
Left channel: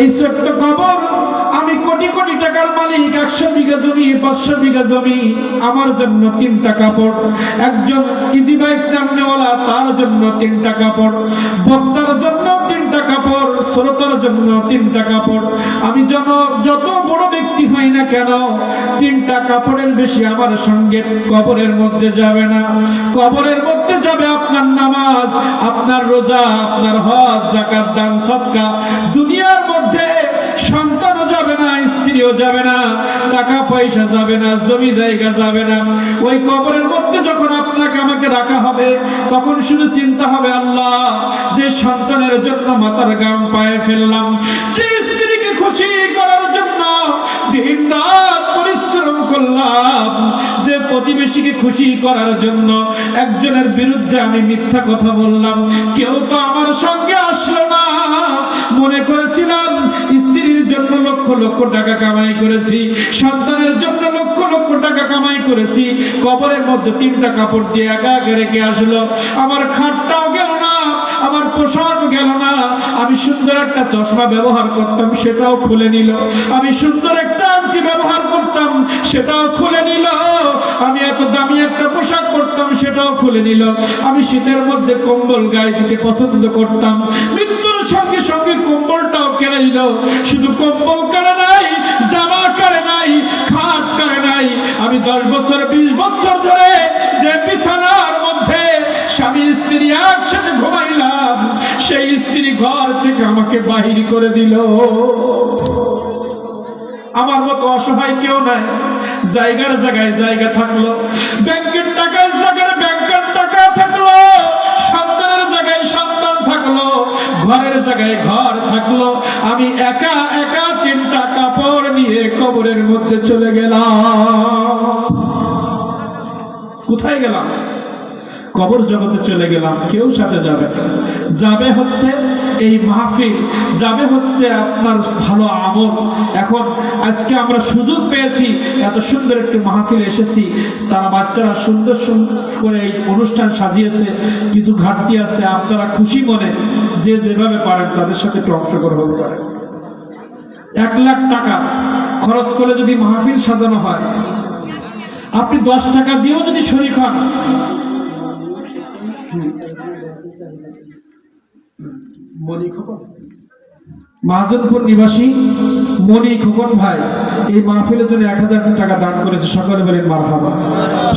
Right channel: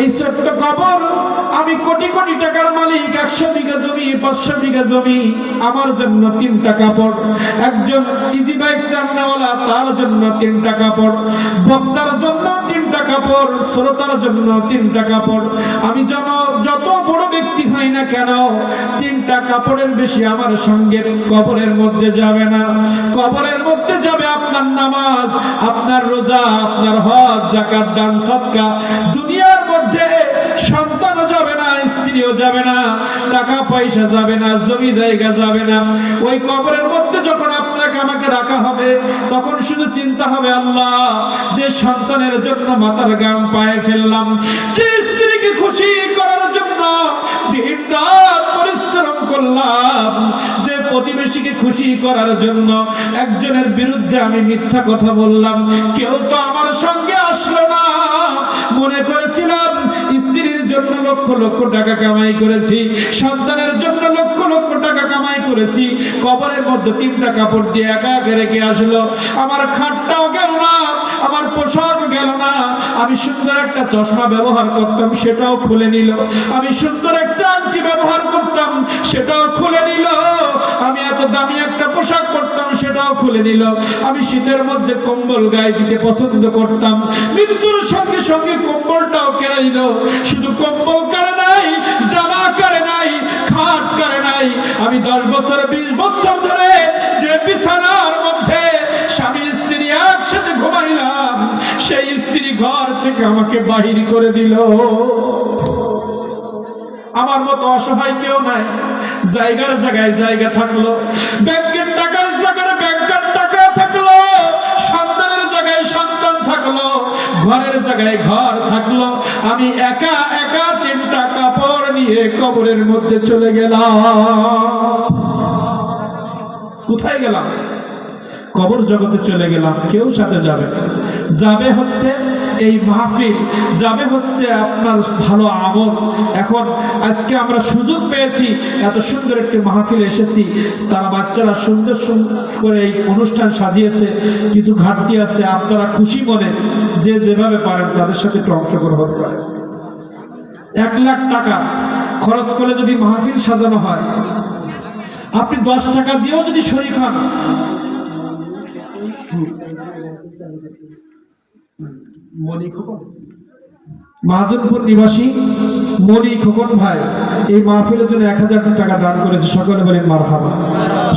এই ছোট্ট কবর। আমি কোটি কোটি টাকার মালিক, 100 বিঘা জমি, 500 বিঘা জমি, আমার জন্য 3টা কাপড়। একজন ইজি বাইক চালানেওয়ালা, তার জন্য 3টা কাপড়। বক্তার জন্য 3টা কাপড়, শ্রোতার জন্য 3টা কাপড়। আমি যত বড় ব্যক্তি হই না কেন, 3টা কাপড়ের বেশি আমার সঙ্গে কবরের মধ্যে যাবে না। কবরের মধ্যে যাবে আপনার নামাজ, আপনার রোজা, আপনার হজ, যাকাত, দান, সদকা। দুনিয়ার মধ্যে সন্তানও যাবে না, স্ত্রীও যাবে না, টাকা পয়সা যাবে না, জমি জায়গা যাবে না। ওই কবরের মধ্যে যখন আপনাকে আমাকে রাখা হবে, তখন শুধু চিন্তা হবে, আল্লাহ যে সন্তানের জন্য মাথার ঘাম পায়ে ফেললাম, যে স্ত্রীকে খুশি করার জন্য দিন রাত পরিশ্রম করলাম, যে প্রতিবেশীকে খুশি করার জন্য একজনের বিরুদ্ধে আমি মিথ্যা কথা বললাম, কেউ তো আমার সঙ্গে আসলো না। মনে করেছিলাম স্ত্রীর জন্য লক্ষ লক্ষ টাকা কামাই করেছি, সন্তানের জন্য লক্ষ লক্ষ টাকা কামাই করেছি, কবরের মধ্যে 3টা কাপড় দিয়ে একা একা রেখে আসলো। আমার খাটটাও গেল না, আমার পোশাক গেল না। আমি সুন্দর একটা চশমা ব্যবহার করতাম, সেটাও খুলে নিল। আমি সুন্দর একটা আংটি ব্যবহার করতাম, সেটাও খুলে নিল। আমি এত দামি একটা পোশাক পরতাম, সেটাও খুলে নিল। আমি শীতের মধ্যে কম্বল গায়ে দিতে পছন্দ করতাম, মৃত্যুর সঙ্গে সঙ্গে কম্বলটাও কেড়ে নিল। শুধু কম্বল কেড়ে নাই, জামা কেড়ে নাই, খাট কেড়ে নাই। আমি 10 বছর 20 বছর ধরে যে বিছানার মধ্যে স্বামী স্ত্রী একসাথে ঘুমাইলাম, সেই স্ত্রী ঘর থেকে আমাকে বাহির করে দিল। আমার মতো অসহায় কেউ নাই। জায়গার জায়গায় জায়গা থাকলো, ব্যাংকের টাকার জায়গায় ব্যাংকের টাকা থাকলো, সন্তানের জায়গায় সন্তান থাকলো, ঘরের জায়গায় ঘর থাকলো। আমি একা একা 3টা কাপড় নিয়ে নিয়ে কবরের মধ্যে চলে গেলাম। কোথায় গেলাম? কবর জগতে চলে গেলাম। কেউ সাথে যাবে না, যাবে হচ্ছে এই মাহফিল, যাবে হচ্ছে আপনার ভালো আমল। এখন আজকে আমরা সুযোগ পেয়েছি, এত সুন্দর একটি মাহফিল এসেছি, তারা বাচ্চারা সুন্দর করে এই অনুষ্ঠান সাজিয়েছে। কিছু ঘাটতি আছে, আপনারা খুশি মনে যে যেভাবে পারেন তাদের সাথে একটু অংশগ্রহণ করেন। 1 লাখ টাকা খরচ করে যদি মাহফিল সাজানো হয়, আপনি 10 টাকা দিয়েও যদি শরীক হন, মাহাজনপুর নিবাসী মনি খোকন ভাই এই মাহফিলের জন্য 1000 টাকা দান করেছে। সকলে বলেন মারহাবা।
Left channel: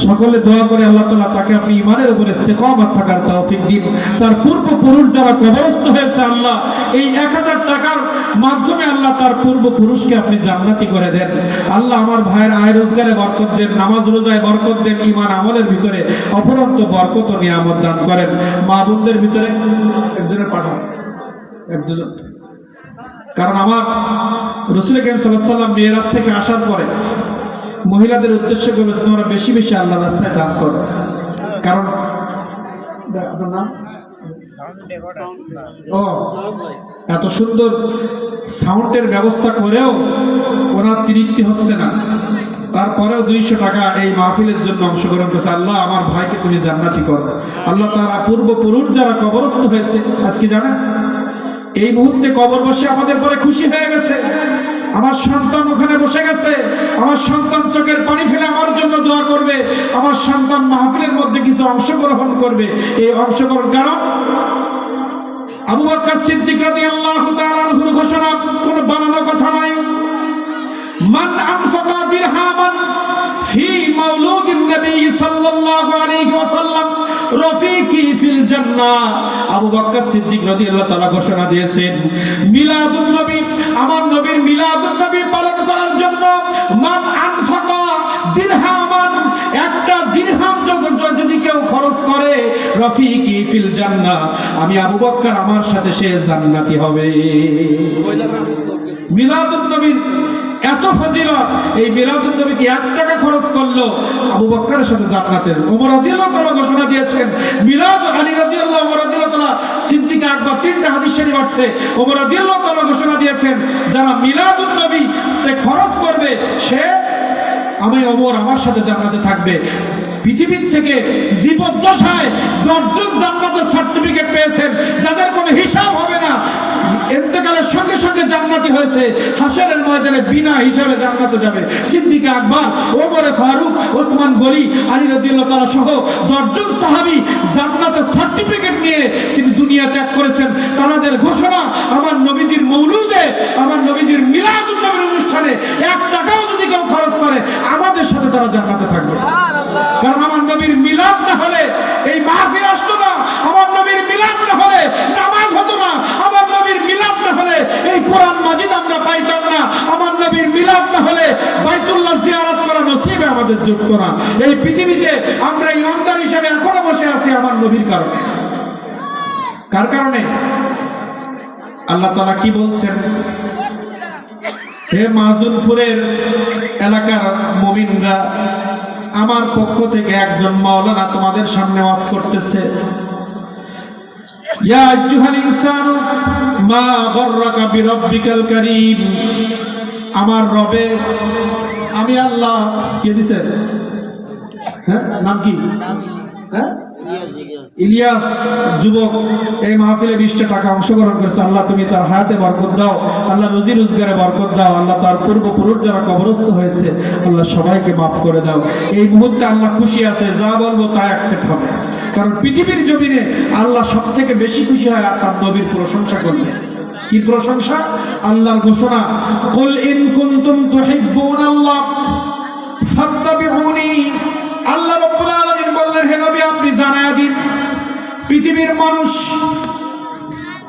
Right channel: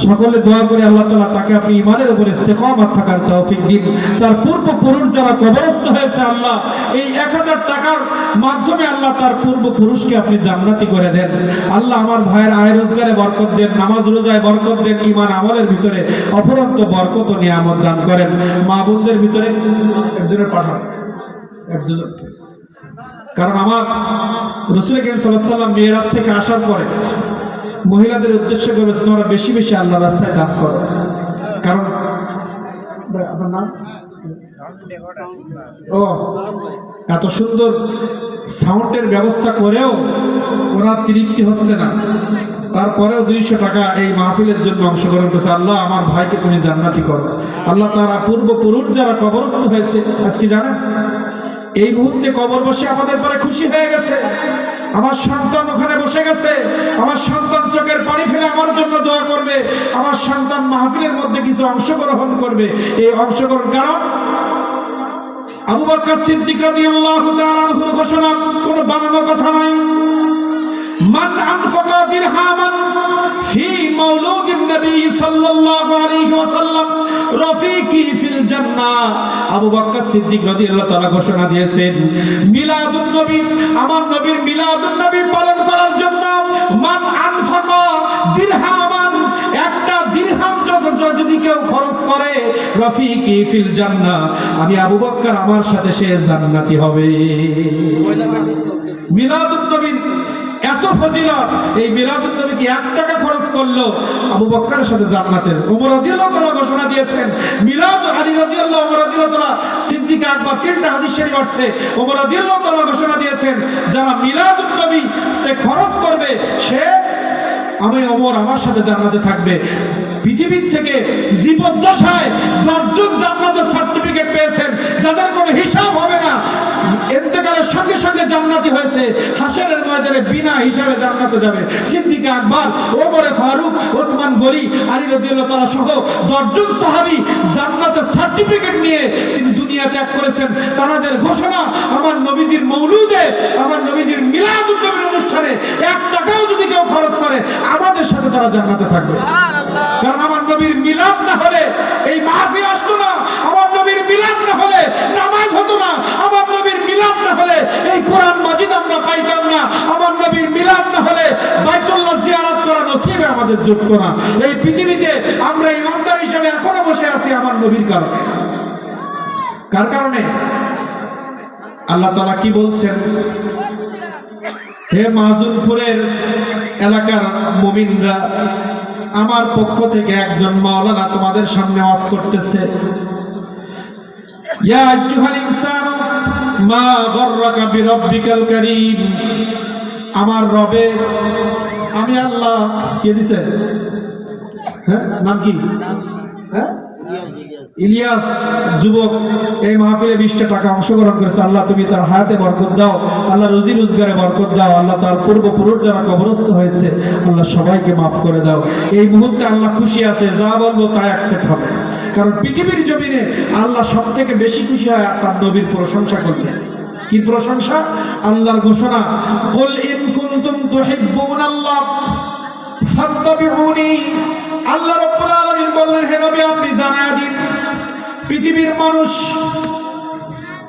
সকলে দোয়া করে আল্লাহ তাআলা তাকে আপনি ঈমানের উপরে ইস্তেকামত থাকার তৌফিক দিন। তার পূর্বপুরুষ যারা কবরস্থ হয়েছে, আল্লাহ এই 1000 টাকার মাধ্যমে আল্লাহ তার পূর্বপুরুষকে আপনি জান্নাতি করে দেন। আল্লাহ আমার ভাইয়ের আয় রোজগারে বরকত দেন, নামাজ রোজায় বরকত দেন, ঈমান আমলের ভিতরে অপরন্ত বরকত ও নিয়ামত দান করেন। মা বোনদের ভিতরে একজনের পাঠান, একজন। কারণ আমার রাসূল করিম সাল্লাল্লাহু আলাইহি ওয়াসাল্লাম মিরাজ থেকে আসার পরে মহিলাদের উদ্দেশ্যে বলেছেন, তোমরা বেশি বেশি আল্লাহর রাস্তায় দান করো। কারণ আপনার নাম ও এত সুন্দর সাউন্ডের ব্যবস্থা করেও ওরা তৃপ্তি হচ্ছে না, তারপরেও 200 টাকা এই মাহফিলের জন্য অংশগ্রহণ করেছে। আল্লাহ আমার ভাইকে তুমি জান্নাতি করো। আল্লাহ তারা পূর্বপুরুষ যারা কবরস্থ হয়েছে, আজকে জানেন এই মুহূর্তে কবর বসে আমাদের পরে খুশি হয়ে গেছে। আমার সন্তান ওখানে বসে গেছে, আমার সন্তান চোখের পানি ফেলে আমার জন্য দোয়া করবে, আমার সন্তান মাহফিলের মধ্যে কিছু অংশগ্রহণ করবে। এই অংশগ্রহণ কারণ আবু বকর সিদ্দিক রাদিয়াল্লাহু তাআলা আনহুর ঘোষণা, কোনো বানানো কথা নয়। মান আনফাকা দিরহামান ফি মাওলুদিন নবী সাল্লাল্লাহু আলাইহি ওয়াসাল্লাম রফিকি ফিল জান্নাহ। আবু বকর সিদ্দিক রাদিয়াল্লাহু তাআলা ঘোষণা দিয়েছেন, মিলাদুন নবী, আমার নবীর মিলাদুন নবী পালন করার জন্য মান আনফাকা দিরহামান, একটা দিরহাম যদি কেউ খরচ করে, রফিকি ফিল জান্নাহ, আমি আবু বকর আমার সাথে সে জান্নাতি হবে। মিলাদুন নবীর এত ফজিলত, এই মিলাদুন নবীতে 1 টাকা খরচ করলো আবু বকরের সাথে জান্নাতের। ওমর রাদিয়াল্লাহু তাআলা ঘোষণা দিয়েছেন, মিলাদ আলী রাদিয়াল্লাহু, ওমর রাদিয়াল্লাহু তাআলা, সিদ্দিক আকবর, 3টা হাদিস শরীফ আছে। ওমর রাদিয়াল্লাহু তাআলা ঘোষণা দিয়েছেন, যারা মিলাদুন নবীতে খরচ করবে সে, আমি ওমর আমার সাথে জান্নাতে থাকবে। পৃথিবীর থেকে জীবদ্দশায় 10 জন জান্নাতের সার্টিফিকেট পেয়েছেন, যাদের কোনো হিসাব হবে না, ইন্তেকালের সঙ্গে সঙ্গে জান্নাতি হয়েছে, হাসরের ময়দানে বিনা হিসাবে জান্নাতে যাবে। সিদ্দিক আকবর, ওমর ফারুক, ওসমান গনি, আলী রাদিয়াল্লাহু তাআলা সহ 10 জন সাহাবী জান্নাতের সার্টিফিকেট নিয়ে তিনি দুনিয়া ত্যাগ করেছেন। তাদের ঘোষণা, আমার নবীজির মৌলুদে, আমার নবীজির মিলাদুন নবীর অনুষ্ঠানে 1 টাকাও যদি কেউ খরচ করে, আমাদের সাথে তারা জান্নাতে থাকবে। কারণ আমার নবীর মিলাদ না হলে এই মাহফিল আসতো না, আমার নবীর মিলাদ না হলে নামাজ হতো না, আমার নবীর মিলাদ না হলে এই কোরআন মাজিদ আমরা পাইতাম না, আমার নবীর মিলাদ না হলে বাইতুল্লাহ জিয়ারত করা নসিবে আমাদের যুক্ত না। এই পৃথিবীতে আমরা ইমানদার হিসেবে এখনো বসে আছি আমার নবীর কারণে। কার কারণে? আল্লাহ তাআলা কি বলছেন, হে মাহজুনপুরের এলাকার মুমিনরা, আমার পক্ষ থেকে একজন মাওলানা তোমাদের সামনে ওয়াজ করতেছে। ইয়া আইয়ুহাল ইনসানু মা গররাকা বিরাব্বিকাল কারীম, আমার রবের, আমি আল্লাহ কি দিছে, হ্যাঁ নাম কি, হ্যাঁ ইলিয়াস যুবক এই মাহফিলে 20টা টাকা অংশগ্রহণ করেছে। আল্লাহ তুমি তার হায়াতে বরকত দাও, আল্লাহ রুজি রোজগারে বরকত দাও, আল্লাহ তার পূর্বপুরুষ যারা কবরস্থ হয়েছে আল্লাহ সবাইকে মাফ করে দাও। এই মুহূর্তে আল্লাহ খুশি আছে, যা বলবো তা অ্যাকসেপ্ট হবে। কারণ পৃথিবীর জমিনে আল্লাহ সব থেকে বেশি খুশি হয় তার নবীর প্রশংসা করতে। কি প্রশংসা? আল্লাহর ঘোষণা, কুল ইন কুনতুম তুহিব্বুনাল্লাহ ফাত্তাবিউনি। আল্লাহ রাব্বুল আলামিন বললেন, হে নবী আপনি জানায় দিন, পৃথিবীর মানুষ,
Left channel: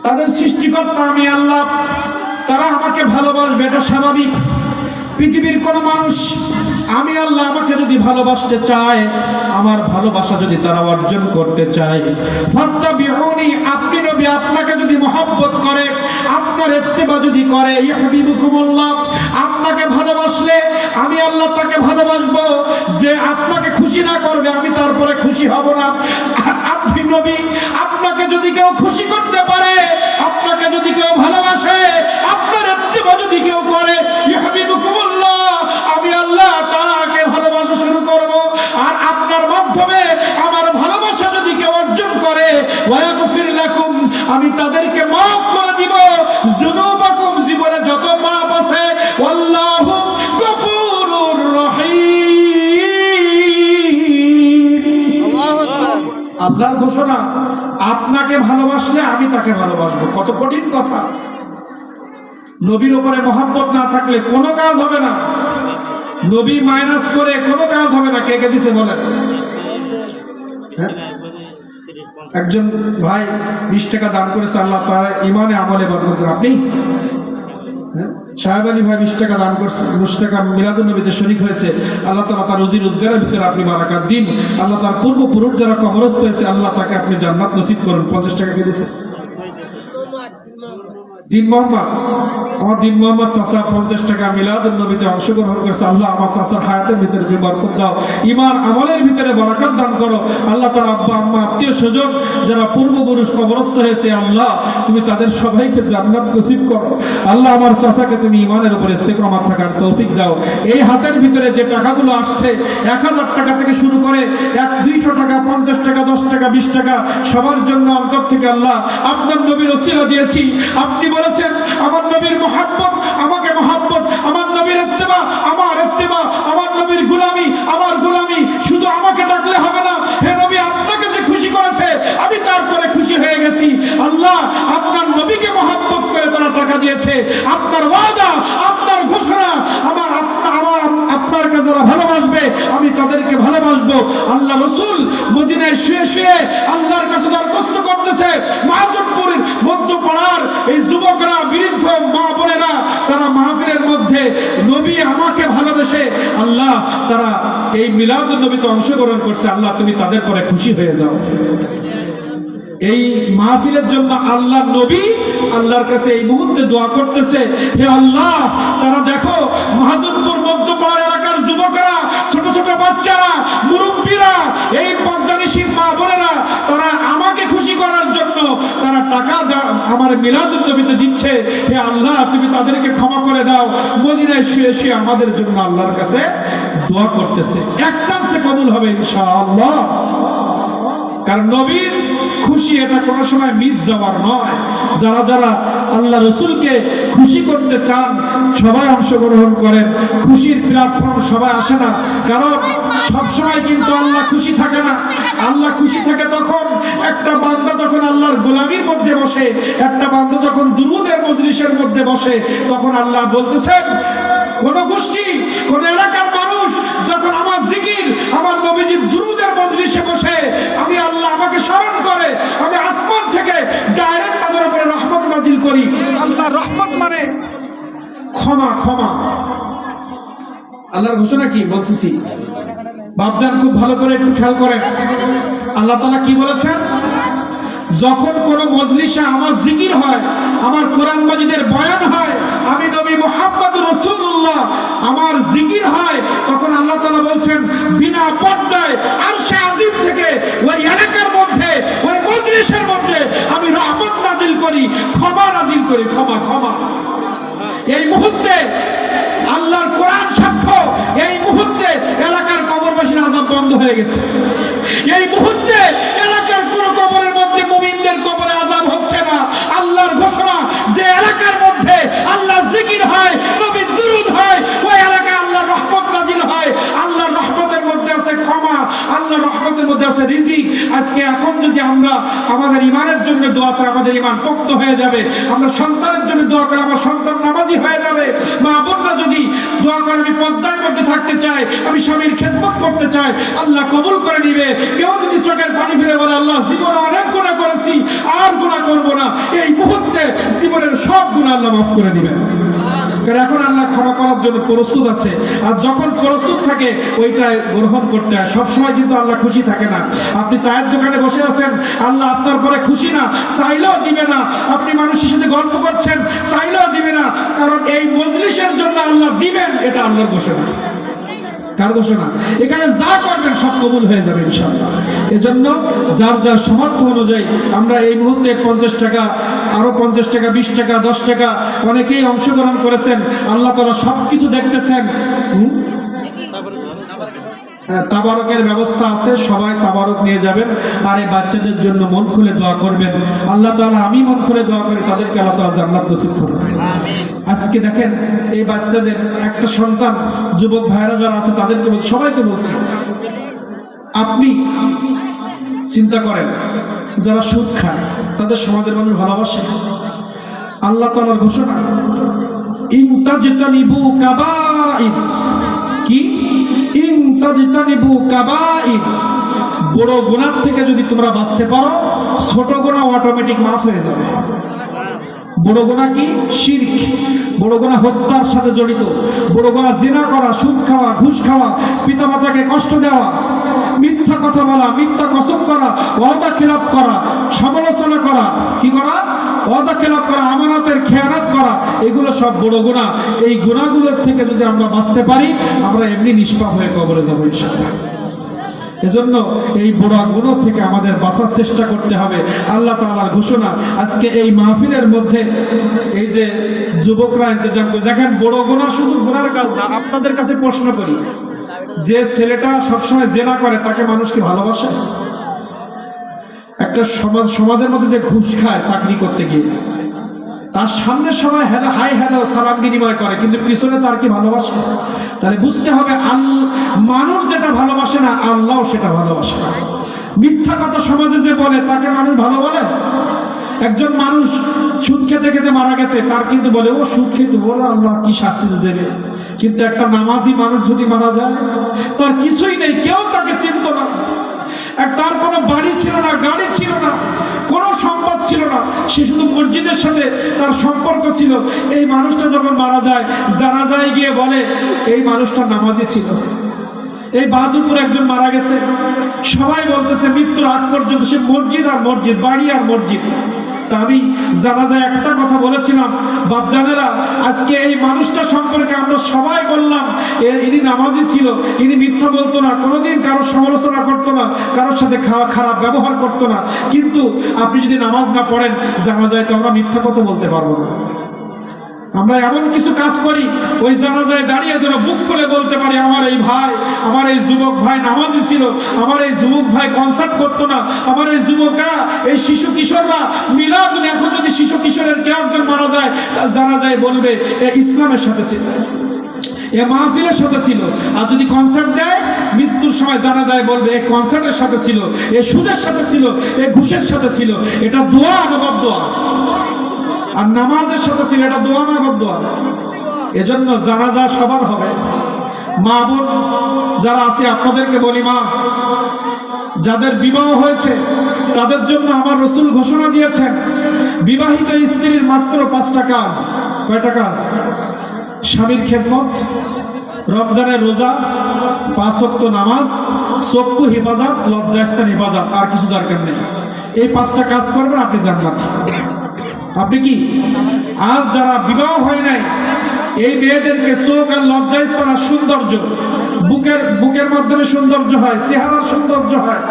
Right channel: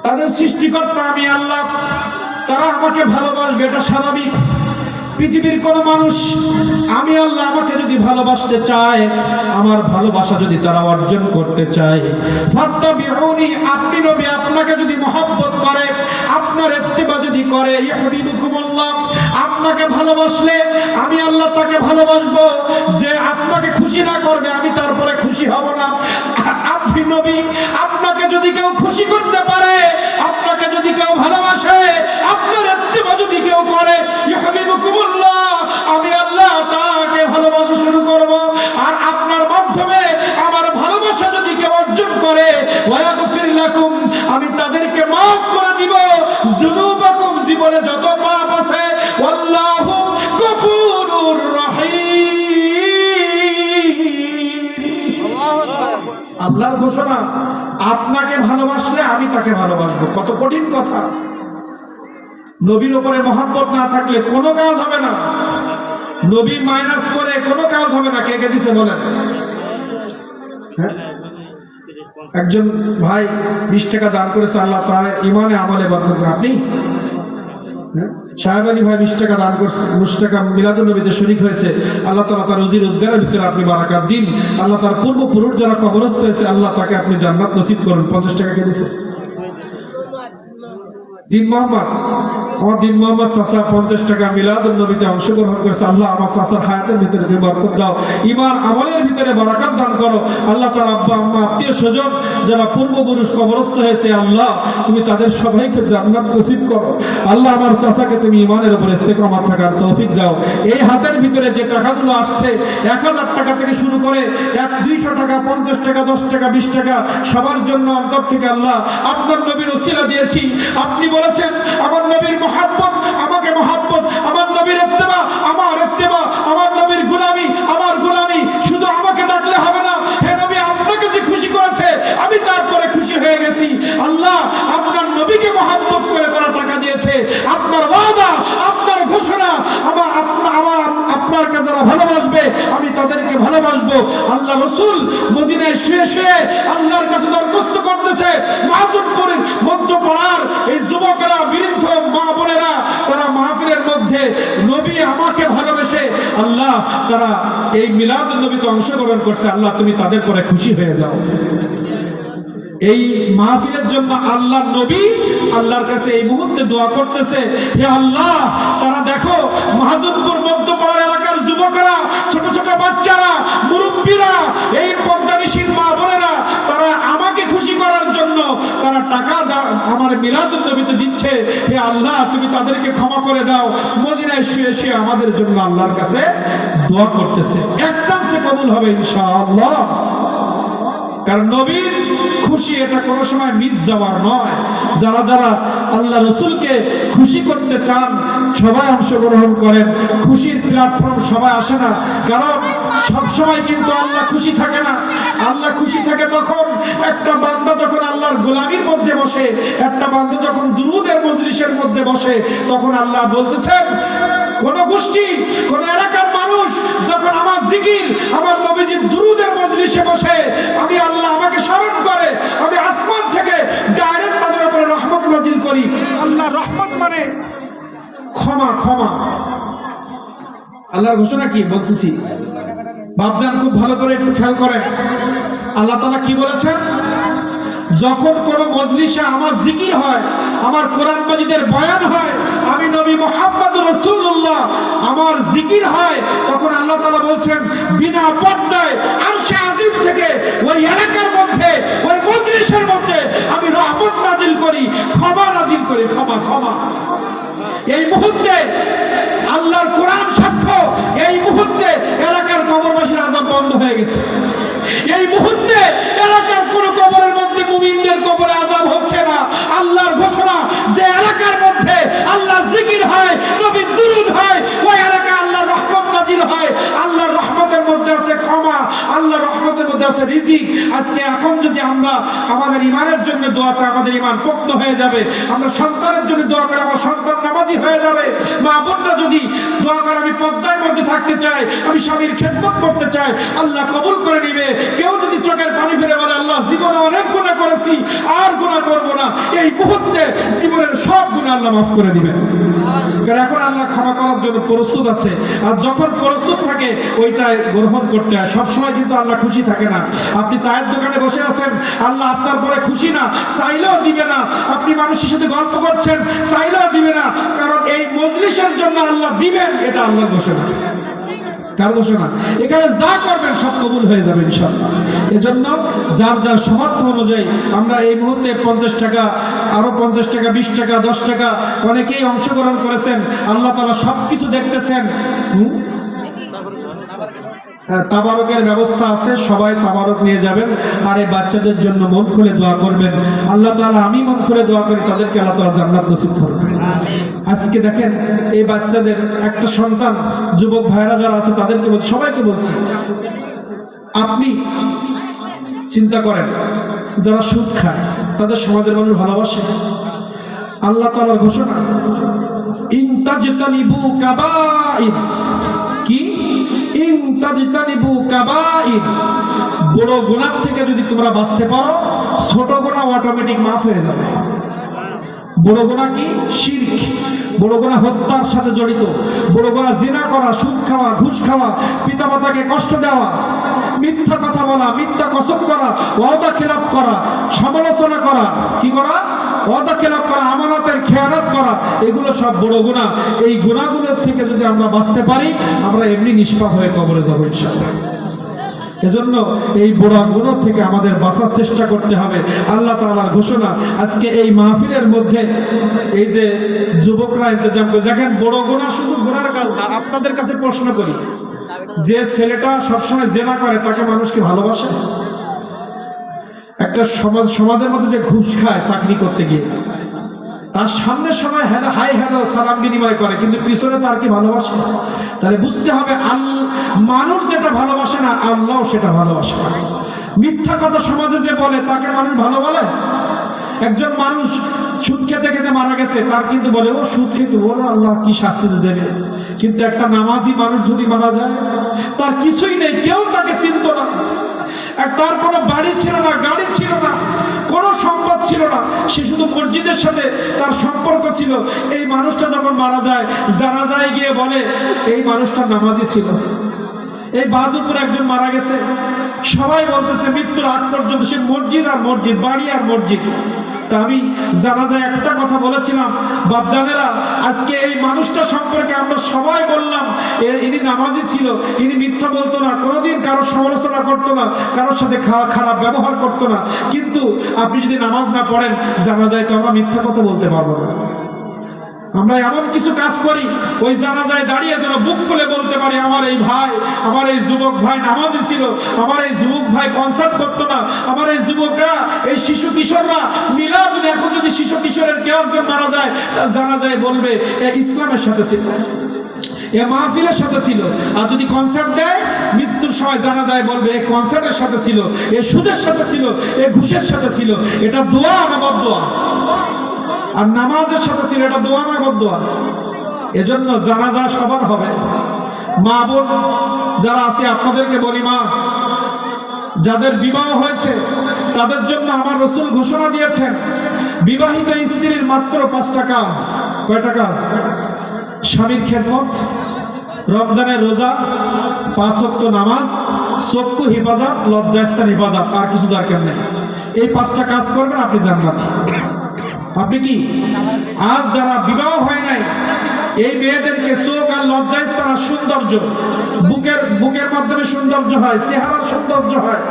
তাদের সৃষ্টিকর্তা আমি আল্লাহ, তারা আমাকে ভালোবাসবে, এটা স্বাভাবিক। পৃথিবীর কোন মানুষ আমি আল্লাহ আমাকে যদি ভালোবাসতে চায়, আমার ভালোবাসা যদি তারা অর্জন করতে চায়, ফাত্তাবিউনি, আপনি নবী আপনাকে যদি মহব্বত করে, আপনার ইত্তেবা যদি করে, ইহবিবুকুমুল্লাহ, আপনাকে ভালোবাসলে আমি আল্লাহ তাকে ভালোবাসবো, যে আপনাকে খুশি না করবে আমি তারপরে খুশি হব না। আপনি নবী, আপনাকে যদি কেউ খুশি করতে পারে, আপনাকে যদি কেউ ভালোবাসে, আপনার ইত্তিবা যদি কেউ করে, ইউহিব্বুকুমুল্লাহ, আমি আল্লাহ তাকে ভালোবাসা শুরু করব। আর আপনার মাধ্যমে আমার ভালোবাসা যদি কেউ অর্জন করে, ওয়াগফির লাকুম, আমি তাদেরকে মাফ করে দিব যুনুবাকুম, জীবনে যত পাপ আছে, আল্লাহু গফুরুর রহিম। আল্লাহর ঘোষণা, আপনাকে ভালোবাসলে আমি তাকে ভালোবাসবো। কত কঠিন কথা! নবীর উপরে মহব্বত না থাকলে কোনো কাজ হবে না, নবী মাইনাস করে কোনো কাজ হবে না। কে কে দিছে বলেন? একজন ভাই 20 টাকা দান করেছে, আল্লাহ তার ইমানে আমলে বরকত দেন। আপনি সাহেব আলী ভাই 20 টাকা দান করছে, 20 টাকা মিলাদুন নবীতে শরীক হয়েছে, আল্লাহ তাআলা তার রুজি রোজগারের ভিতরে আপনি বারাকাত দিন। আল্লাহ তার পূর্বপুরুষ যারা কবরস্থ হয়েছে, আল্লাহ তাকে আপনি জান্নাত নসিব করুন। 50 টাকা কে দিছে? দিন মোহাম্মদ, আমার দিন মোহাম্মদ চাচা 50 টাকা মিলাদুন নবীতে অংশগ্রহণ করেছে। আল্লাহ আমার চাচার হায়াতের ভিতরে তুমি বরকত দাও, ঈমান আমলের ভিতরে বারাকাত দান করো। আল্লাহ তার আব্বা আম্মা আত্মীয় স্বজন যারা পূর্বপুরুষ কবরস্থ হয়েছে, আল্লাহ তুমি তাদের সবাইকে জান্নাত নসিব করো। আল্লাহ আমার চাচাকে তুমি ঈমানের উপর ইস্তেকামাত থাকার তৌফিক দাও। এই হাতের ভিতরে যে টাকাগুলো আসছে, 1000 টাকা থেকে শুরু করে 200 টাকা, 50 টাকা, 10 টাকা, 20 টাকা, সবার জন্য অন্তর থেকে আল্লাহ আপনার নবীর ওসিলা দিয়েছি। আপনি বলেছেন আমার নবীর মহব্বত, আমাকে মহব্বত, আমার নবীর ইত্তেবা, আমার ইত্তেবা, আমার নবীর গোলামি, আমার গোলামি। শুধু আমাকে ডাকলে হবে না, হে নবী, আপনাকে যে খুশি করেছে আমি তারপরে খুশি হয়ে গেছি। আল্লাহ আপনার নবীকে মহব্বত করে তারা টাকা দিয়েছে। আপনার ওয়াদা, আপনার ঘোষণা, আপনার কাছে যারা ভালোবাসবে আমি তাদেরকে ভালোবাসবো। আল্লাহ রাসূল মদিনায় শুয়ে শুয়ে আল্লাহর কাছে দরখাস্ত করতেছে, মাহাজুরপুরের মধ্যপাড়ার এই যুবকরা, বৃদ্ধ মা বোনেরা, তারা মাহফিলের মধ্যে নবী আমাকে ভালোবেসে আল্লাহ তারা এই মিলাদুন নবীতে অংশগ্রহণ করছে। আল্লাহ তুমি তাদের পরে খুশি হয়ে যাও। এই মাহফিলের জন্য আল্লাহর নবী আল্লাহর কাছে এই মুহূর্তে দোয়া করতেছে, হে আল্লাহ, তারা দেখো মাহাজনপুর মধ্যপাড়া এলাকার যুবকরা, ছোট ছোট বাচ্চারা, মুরব্বীরা, এই পর্দানিশীল মা বোনেরা, তারা আমাকে খুশি করার জন্য তারা টাকা আমার মিলাদুন নবীতে দিচ্ছে। হে আল্লাহ তুমি তাদেরকে ক্ষমা করে দাও। মদিনায় শুয়ে শুয়ে আমাদের জন্য আল্লাহর কাছে দোয়া করতেছে। এক চান্সে কবুল হবে ইনশাআল্লাহ। কারণ নবীর খুশি এটা কোনো সময় মিস যাওয়ার নয়। যারা যারা আল্লাহ রসুলকে খুশি করতে চান সবাই অংশগ্রহণ করেন। খুশির প্ল্যাটফর্ম সবাই আসে না, কারণ সবসময় কিন্তু আল্লাহ খুশি থাকে না। আল্লাহ খুশি থাকে তখন একটা বান্দা যখন আল্লাহর গোলামির মধ্যে বসে, একটা বান্দা যখন দুরুদের মজলিসের মধ্যে বসে, তখন আল্লাহ বলতেছেন, কোন গোষ্ঠী, কোন এলাকার মানুষ যখন আমার জিকির, আমার নবীজির দুরুদের মজলিসে বসে আমি আল্লাহ আমাকে স্মরণ করে, আমি আসমান থেকে ডাইরেক্ট তাদের উপরে রহমত নাজিল করি। আল্লাহ রহমত মানে ক্ষমা, ক্ষমা। আল্লাহর ঘোষণা কি বলতেছি, বাপজান খুব ভালো করে একটু খেয়াল করেন। আল্লাহ তাআলা কি বলেছেন? যখন কোন মজলিসে আমার জিকির হয়, আমার কোরআন মাজিদের বয়ান হয়, আমি নবী মুহাম্মদুর রাসূলুল্লাহ আমার জিকির হয়, তখন আল্লাহ তাআলা বলছেন বিনা পর্দায় আরশে আজিম থেকে ওই এলাকার মধ্যে, ওই মজলিসের মধ্যে আমি রহমত নাজিল করি, ক্ষমা নাজিল করি, ক্ষমা, ক্ষমা। এই মুহূর্তে আল্লাহর কোরআন সাক্ষ্য, এই মুহূর্তে এলাকার কবরবাসীর আযাব বন্ধ হয়ে গেছে। এই মুহূর্তে এলাকার কোন কবরের মধ্যে মুমিনদের কবরে আযাব হচ্ছে না। আল্লাহর ঘোষণা, যে এলাকার মধ্যে আল্লাহর জিকির হয়, নবীর দুরূদ হয়, ওই এলাকায় আল্লাহর রহমত নাজিল হয়। আল্লাহর রহমতের মধ্যে আছে ক্ষমা, আল্লাহর রহমতের মধ্যে আছে রিজিক। আজকে এখন যদি আমরা আমাদের ঈমানের জন্য দোয়া চাই, আমাদের ঈমান পোক্ত হয়ে যাবে। আমরা সন্তানের জন্য দোয়া করে আমার সন্তান নামাজি হয়ে যাবে। মা বোনরা যদি দোয়া করে আমি পর্দার মধ্যে থাকতে চাই, আমি স্বামীর খেদমত করতে চাই, আল্লাহ কবুল করে নিবে। কেউ যদি চোখের পানি ফেলে বলে আল্লাহ জীবনে অনেক গুনাহ করেছি, আর গুনাহ করব না, এই মুহূর্তে জীবনের সব গুনাহ আল্লাহ মাফ করে দিবেন। কারণ এখন আল্লাহ ক্ষমা করার জন্য প্রস্তুত আছে। আর যখন প্রস্তুত থাকে ওইটা গ্রহণ করতে হয়। সবসময় কিন্তু আল্লাহ খুশি থাকে না। আপনি চায়ের দোকানে বসে আছেন, আল্লাহ আপনার পরে খুশি না, চাইলেও দিবে না। আপনি মানুষের সাথে গল্প করছেন, চাইলেও দিবে না। কারণ এই মজলিসের জন্য জন্য আল্লাহ দিবেন, এটা আল্লাহর ঘোষণা। কার ঘোষণা? এখানে যা করবেন সব কবুল হয়ে যাবে ইনশাআল্লাহ। এজন্য যার যার সামর্থ্য অনুযায়ী আমরা এই মুহূর্তে 50 টাকা, আরো 50 টাকা, 20 টাকা, 10 টাকা অনেকেই অংশগ্রহণ করেছেন। আল্লাহ তাআলা সবকিছু দেখতেছেন। তাবারকের ব্যবস্থা আছে, সবাই তাবারক নিয়ে যাবেন। আর এই বাচ্চাদের জন্য মন খুলে দোয়া করবেন। আল্লাহ তাআলা, আমি মন খুলে দোয়া করি তাদেরকে আল্লাহ তাআলা জান্নাত নসিব করবেন। আজকে দেখেন এই বাচ্চাদের একটা সন্তান, যুবক ভাইরা যারা আছে তাদেরকে সবাইকে বলছি, আপনি চিন্তা করেন যারা সুদ খায় তাদের সমাজের মানুষ ভালোবাসে? আল্লাহ তাআলার ঘোষণা, ইন তাজতানিবু কাবাইর, কি ইন তাজতানিবু কাবাইর, বড় গুনাহ থেকে যদি তোমরা বাঁচতে পারো ছোট গুনাহ অটোমেটিক মাফ হয়ে যাবে। বড় গুনাহ কি? শিরক। বড় গুনাহ হত্যার সাথে জড়িত। বড় গুনাহ জিনা করা, সুদ খাওয়া, ঘুষ খাওয়া, পিতামাতাকে কষ্ট দেওয়া, মিথ্যা কথা বলা, মিথ্যা কসম করা, ওয়াদা খেলাপ করা, সমালোচনা করা, কি করা? ওয়াদা খেলাপ করা, আমানতের খেয়ানত করা, এগুলো সব বড় গুনাহ। এই গুনাহগুলোর থেকে যদি আমরা বাঁচতে পারি আমরা এমনি নিষ্পাপ হয়ে কবরে যাব ইনশাআল্লাহ। এজন্য এই বড় গুনাহ থেকে আমাদের বাঁচার চেষ্টা করতে হবে। আল্লাহ তাআলার ঘোষণা। আজকে এই মাহফিলের মধ্যে এই যে যুবকরা ইন্তজাম করে, দেখেন বড় গুনাহ শুধু গুনার কাজ না। আপনাদের কাছে প্রশ্ন করি, যে ছেলেটা সবসময় জেনা করে তাকে মানুষ কি ভালোবাসে? একটা সমাজের মধ্যে যে ঘুষ খায় চাকরি করতে গিয়ে, তার সামনে সবাই হাই হ্যালো সালাম বিনিময় করে, কিন্তু পিছনে তার কি ভালোবাসে? তাহলে বুঝতে হবে মানুষ যেটা ভালোবাসে না আল্লাহ সেটা ভালোবাসে না। মিথ্যা কথা সমাজে যে বলে তাকে মানুষ ভালো বলে? একজন মানুষ সুদ খেতে খেতে মারা গেছে, তার কিন্তু বলে ও সুদ খেতে, ওরা আল্লাহ কি শাস্তি দেবে। কিন্তু একটা নামাজি মানুষ যদি মারা যায়, তার কিছুই নেই, কেউ তাকে চিনত না, তার কোনো বাড়ি ছিল না, গাড়ি ছিল না, কোনো সম্পদ ছিল না, সে শুধু মসজিদের সাথে তার সম্পর্ক ছিল। এই মানুষটা যখন মারা যায়, জানাজায় গিয়ে বলে এই মানুষটা নামাজি ছিল। এই বাহাদুরপুর একজন মারা গেছে, সবাই বলতেছে মৃত্যুর আগ পর্যন্ত সে মসজিদ আর মসজিদ, বাড়ি আর মসজিদ। তা আমি জানাজায় একটা কথা বলেছিলাম, বাপজানেরা আজকে এই মানুষটা সম্পর্কে আমরা সবাই বললাম ইনি নামাজি ছিল, ইনি মিথ্যা বলতো না, কোনোদিন কারোর সমালোচনা করতো না, কারোর সাথে খারাপ ব্যবহার করতো না। কিন্তু আপনি যদি নামাজ না পড়েন জানাজায়, তো আমরা মিথ্যা কথা বলতে পারবো না। আমরা এমন কিছু কাজ করি ওই জানাজায় দাঁড়িয়ে যেন বুক খুলে বলতে পারি আমার এই ভাই, আমার এই যুবক ভাই নামাজি ছিল, আমার এই যুবক ভাই কনসার্ট করতো না, আমার এই যুবকরা, এই শিশু কিশোররা মিলাদ, এখন যদি শিশু কিশোরের কেউ একজন মারা যায় জানাজায় বলবে এ ইসলামের সাথে ছিল, এ মাহফিলের সাথে ছিল। আর যদি কনসার্ট দেয় মৃত্যুর সময় জানাজায় বলবে এ কনসার্টের সাথে ছিল, এ সুদের সাথে ছিল, এ ঘুষের সাথে ছিল। এটা দোয়া না বদদোয়া? আর নামাজের সাথে ছিল, এটা দোয়া না বদদোয়া? এজন্য জানাজা সবার হবে। মা বোন যারা আছে আপনাদেরকে বলি, মা যাদের বিবাহ হয়েছে তাদের জন্য আমার রাসূল ঘোষণা দিয়েছেন, বিবাহিত স্ত্রীর মাত্র 5টা কাজ। কয়টা কাজ? স্বামীর খেদমত, রমজানের রোজা, 5 ওয়াক্ত নামাজ, চক্ষু হেফাজত, লজ্জাস্থান হেফাজত, আর কিছু দরকার নেই। এই 5টা কাজ করবেন, আপনি জান্নাতি। আপনি কি? আর যারা বিবাহ হয় নাই এই মেয়েদেরকে চোখ আর লজ্জাস্থান আর সৌন্দর্য, বুকের মাধ্যমে সৌন্দর্য হয়, চেহারার সৌন্দর্য হয়।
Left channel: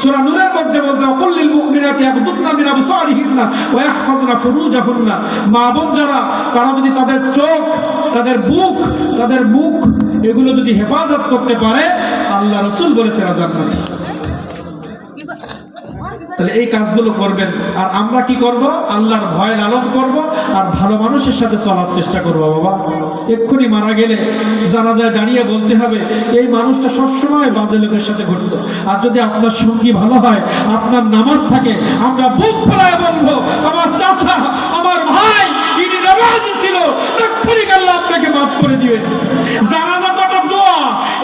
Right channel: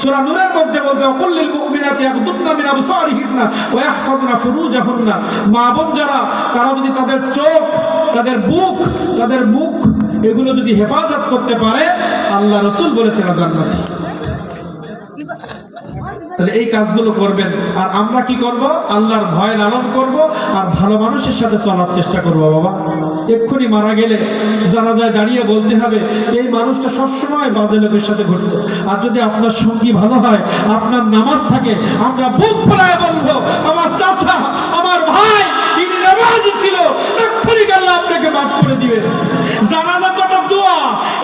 সূরা নূরের মধ্যে বলতে কুল্লিল মুমিনাতি ইয়াগদুদনা মিন আবসারিহিন্না ওয়া ইয়াহফাযুনা ফুরুজাহুন্না। মা বোন যারা, তারা যদি তাদের চোখ, তাদের বুক, তাদের মুখ এগুলো যদি হেফাজত করতে পারে, আল্লাহ রাসূল বলেছে এরা জান্নাতি। তাহলে এই কাজগুলো করবেন। আর আমরা কি করব? আল্লাহর ভয় লালন করব আর ভালো মানুষের সাথে চলার চেষ্টা করব। বাবা এক্ষুনি মারা গেলে জানাজায় দাঁড়িয়ে বলতে হবে এই মানুষটা সবসময় বাজে লোকের সাথে ঘুরতো। আর যদি আপনার সঙ্গী ভালো হয়, আপনার নামাজ থাকে, আমরা বুক ফোলায় বলবো আমার চাচা, আমার ভাই ইনি নামাজি ছিল, এক্ষুনি আল্লাহ আপনাকে মাফ করে দিবেন। জানাজা তো একটা দোয়া।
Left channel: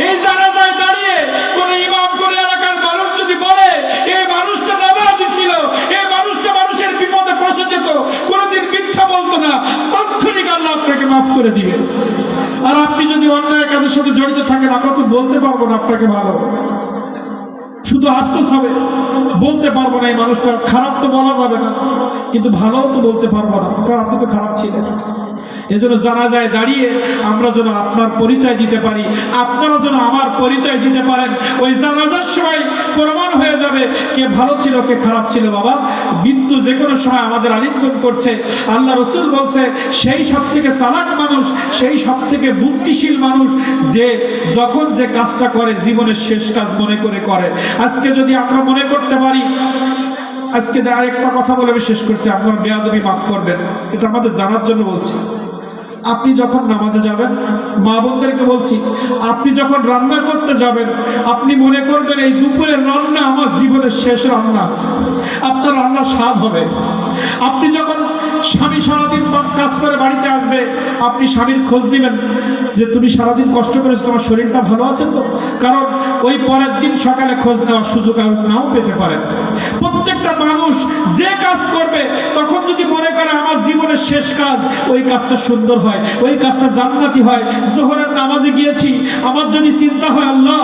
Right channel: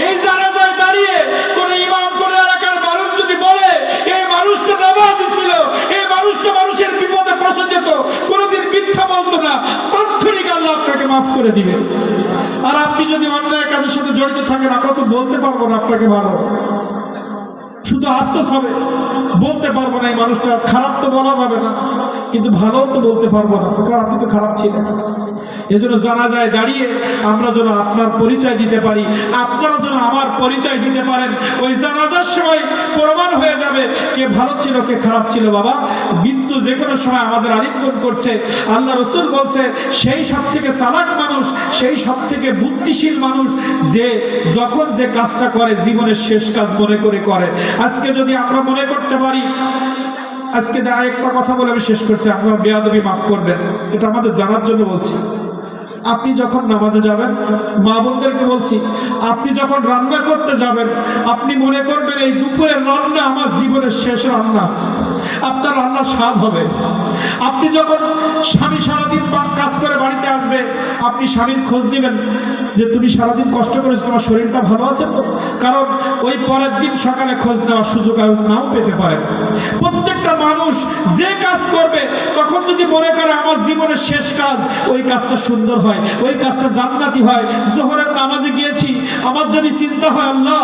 এই জানাজায় দাঁড়িয়ে কোনো ইমাম, কোনো এলাকার মানুষ যদি বলে এই মানুষটা নামাজি ছিল, এই মানুষটা মানুষের বিপদে পাশে যেত, কোনোদিন মিথ্যা বলতো না, তৎক্ষণিক আল্লাহ আপনাকে মাফ করে দিবে। আর আপনি যদি অন্যায় কাজের সাথে জড়িত থাকেন, আমরা তো বলতে পারবো না আপনাকে ভালো, শুধু আফসোস হবে, বলতে পারবো না এই মানুষটা খারাপ, তো বলা যাবে না, কিন্তু ভালোও তো বলতে পারবো না, কারণ আপনি তো খারাপ ছিলেন। এজন্য জানাজায় দাঁড়িয়ে আমরা যেন আপনার পরিচয় দিতে পারি, আপনারা যেন আমার পরিচয় দিতে পারেন। ওই জানাজার সময় প্রমাণ হয়ে যাবে কে ভালো ছিল কে খারাপ ছিল। বাবা, মৃত্যু যে কোনো সময় আমাদের আলিঙ্গন করছে। আল্লাহ রসুল বলছে সেই সব থেকে চালাক মানুষ, সেই সব থেকে বুদ্ধিশীল মানুষ যে যখন যে কাজটা করে জীবনের শেষ কাজ মনে করে করে। আজকে যদি আমরা মনে করতে পারি, আজকে আরেকটা কথা বলে আমি শেষ করছি, আপনারা বেয়াদবি মাফ করবেন, এটা আমাদের জানার জন্য বলছি। আপনি যখন নামাজে যাবেন, মা বোনদেরকে বলছি, আপনি যখন রান্না করতে যাবেন, আপনি মনে করবেন এই দুপুরের রান্না আমার জীবনের শেষ রান্না, আপনার রান্নার স্বাদ হবে। আপনি যখন স্বামী সারাদিন কাজ করে বাড়িতে আসবে, আপনি স্বামীর খোঁজ দিবেন যে তুমি সারাদিন কষ্ট করেছো, তোমার শরীরটা ভালো আছে তো? কারণ ওই পরের দিন সকালে খোঁজ নেওয়ার সুযোগ আর নাও পেতে পারেন। প্রত্যেকটা মানুষ যে কাজ করবে তখন যদি মনে করে আমার জীবনের শেষ কাজ, ওই কাজটা সুন্দর হয়, ওই কাজটা জান্নাতি হয়। জোহরের নামাজে গিয়েছি, আমার যদি চিন্তা হয় আল্লাহ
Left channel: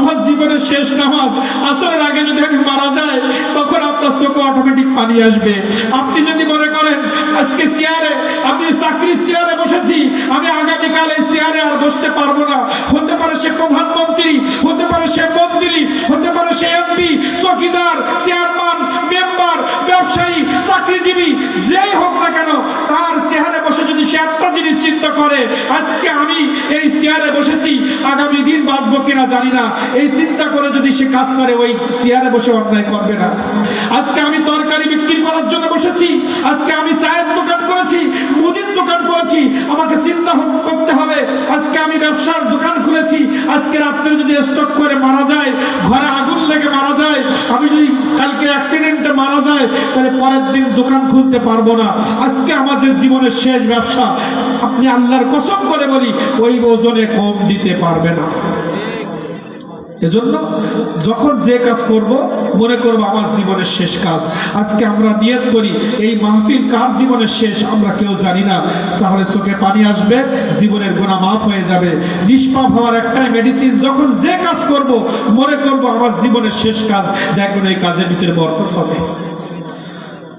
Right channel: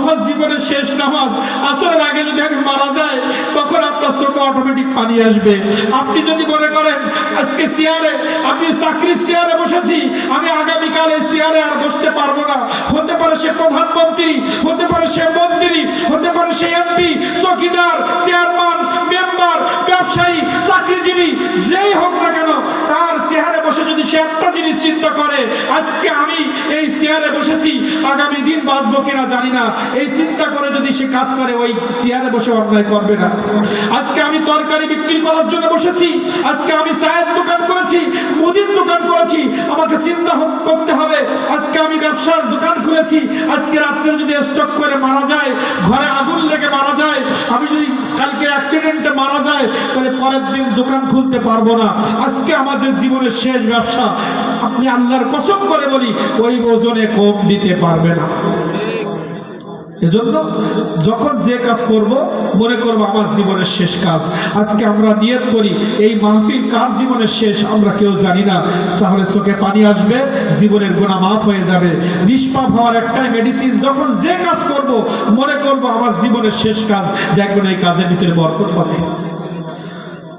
আমার জীবনের শেষ নামাজ, আসরের আগে যদি আমি মারা যাই, তখন আপনার চোখে অটোমেটিক পানি আসবে। আপনি যদি মনে করেন আজকে চেয়ারে, আপনি চাকরির চেয়ারে বসেছি, আমি আগামীকাল এই চেয়ারে আর বসতে পারবো না, হতে পারে সে প্রধানমন্ত্রী, হতে পারে সে মন্ত্রী, হতে পারে সে এমপি, চৌকিদার, চেয়ারম্যান, মেম্বার, ব্যবসায়ী, চাকরিজীবী, যেই হোক না কেন, তার চেয়ারে বসে যদি সে একটা জিনিস চিন্তা করে আজকে আমি এই চেয়ারে বসেছি, আগামী দিন বাঁচবো কিনা জানি না, এই চিন্তা করে যদি সে কাজ করে, ওই চেয়ারে বসে অন্যায় করবে না। আজকে আমি তরকারি বিক্রি করার জন্য বসেছি, আজকে আমি চায়ের দোকান করেছি, মুদির দোকান করেছি, আমাকে চিন্তা করতে হবে আজকে আমি ব্যবসার দোকান খুলেছি, আজকে রাত্রে যদি স্টক করে মারা যায়, ঘরে আগুন লেগে মারা যায়, আমি যদি কালকে অ্যাক্সিডেন্টে মারা যায়, তাহলে পরের দিন দোকান খুলতে পারবো না। আজকে আমাদের জীবনের শেষ ব্যবসা, আপনি আল্লাহর কসম করে বলি ওই ওজনে কম দিতে পারবে না। এজন্য যখন যে কাজ করব মনে করব আমার জীবনের শেষ কাজ। আজকে আমরা নিয়ত করি এই মাহফিল কার জীবনের শেষ আমরা কেউ জানি না, তাহলে চোখে পানি আসবে, জীবনের গুনাহ মাফ হয়ে যাবে। নিষ্পাপ হওয়ার একটাই মেডিসিন, যখন যে কাজ করব মনে করব আমার জীবনের শেষ কাজ, দেখবেন এই কাজের ভিতরে বরকত হবে।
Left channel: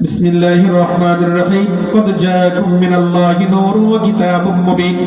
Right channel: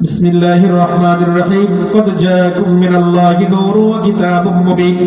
বিসমিল্লাহির রহমানির রহিম। কদ জাআকুম মিনাল্লাহি নূরুন ওয়া কিতাবুম মুবিন।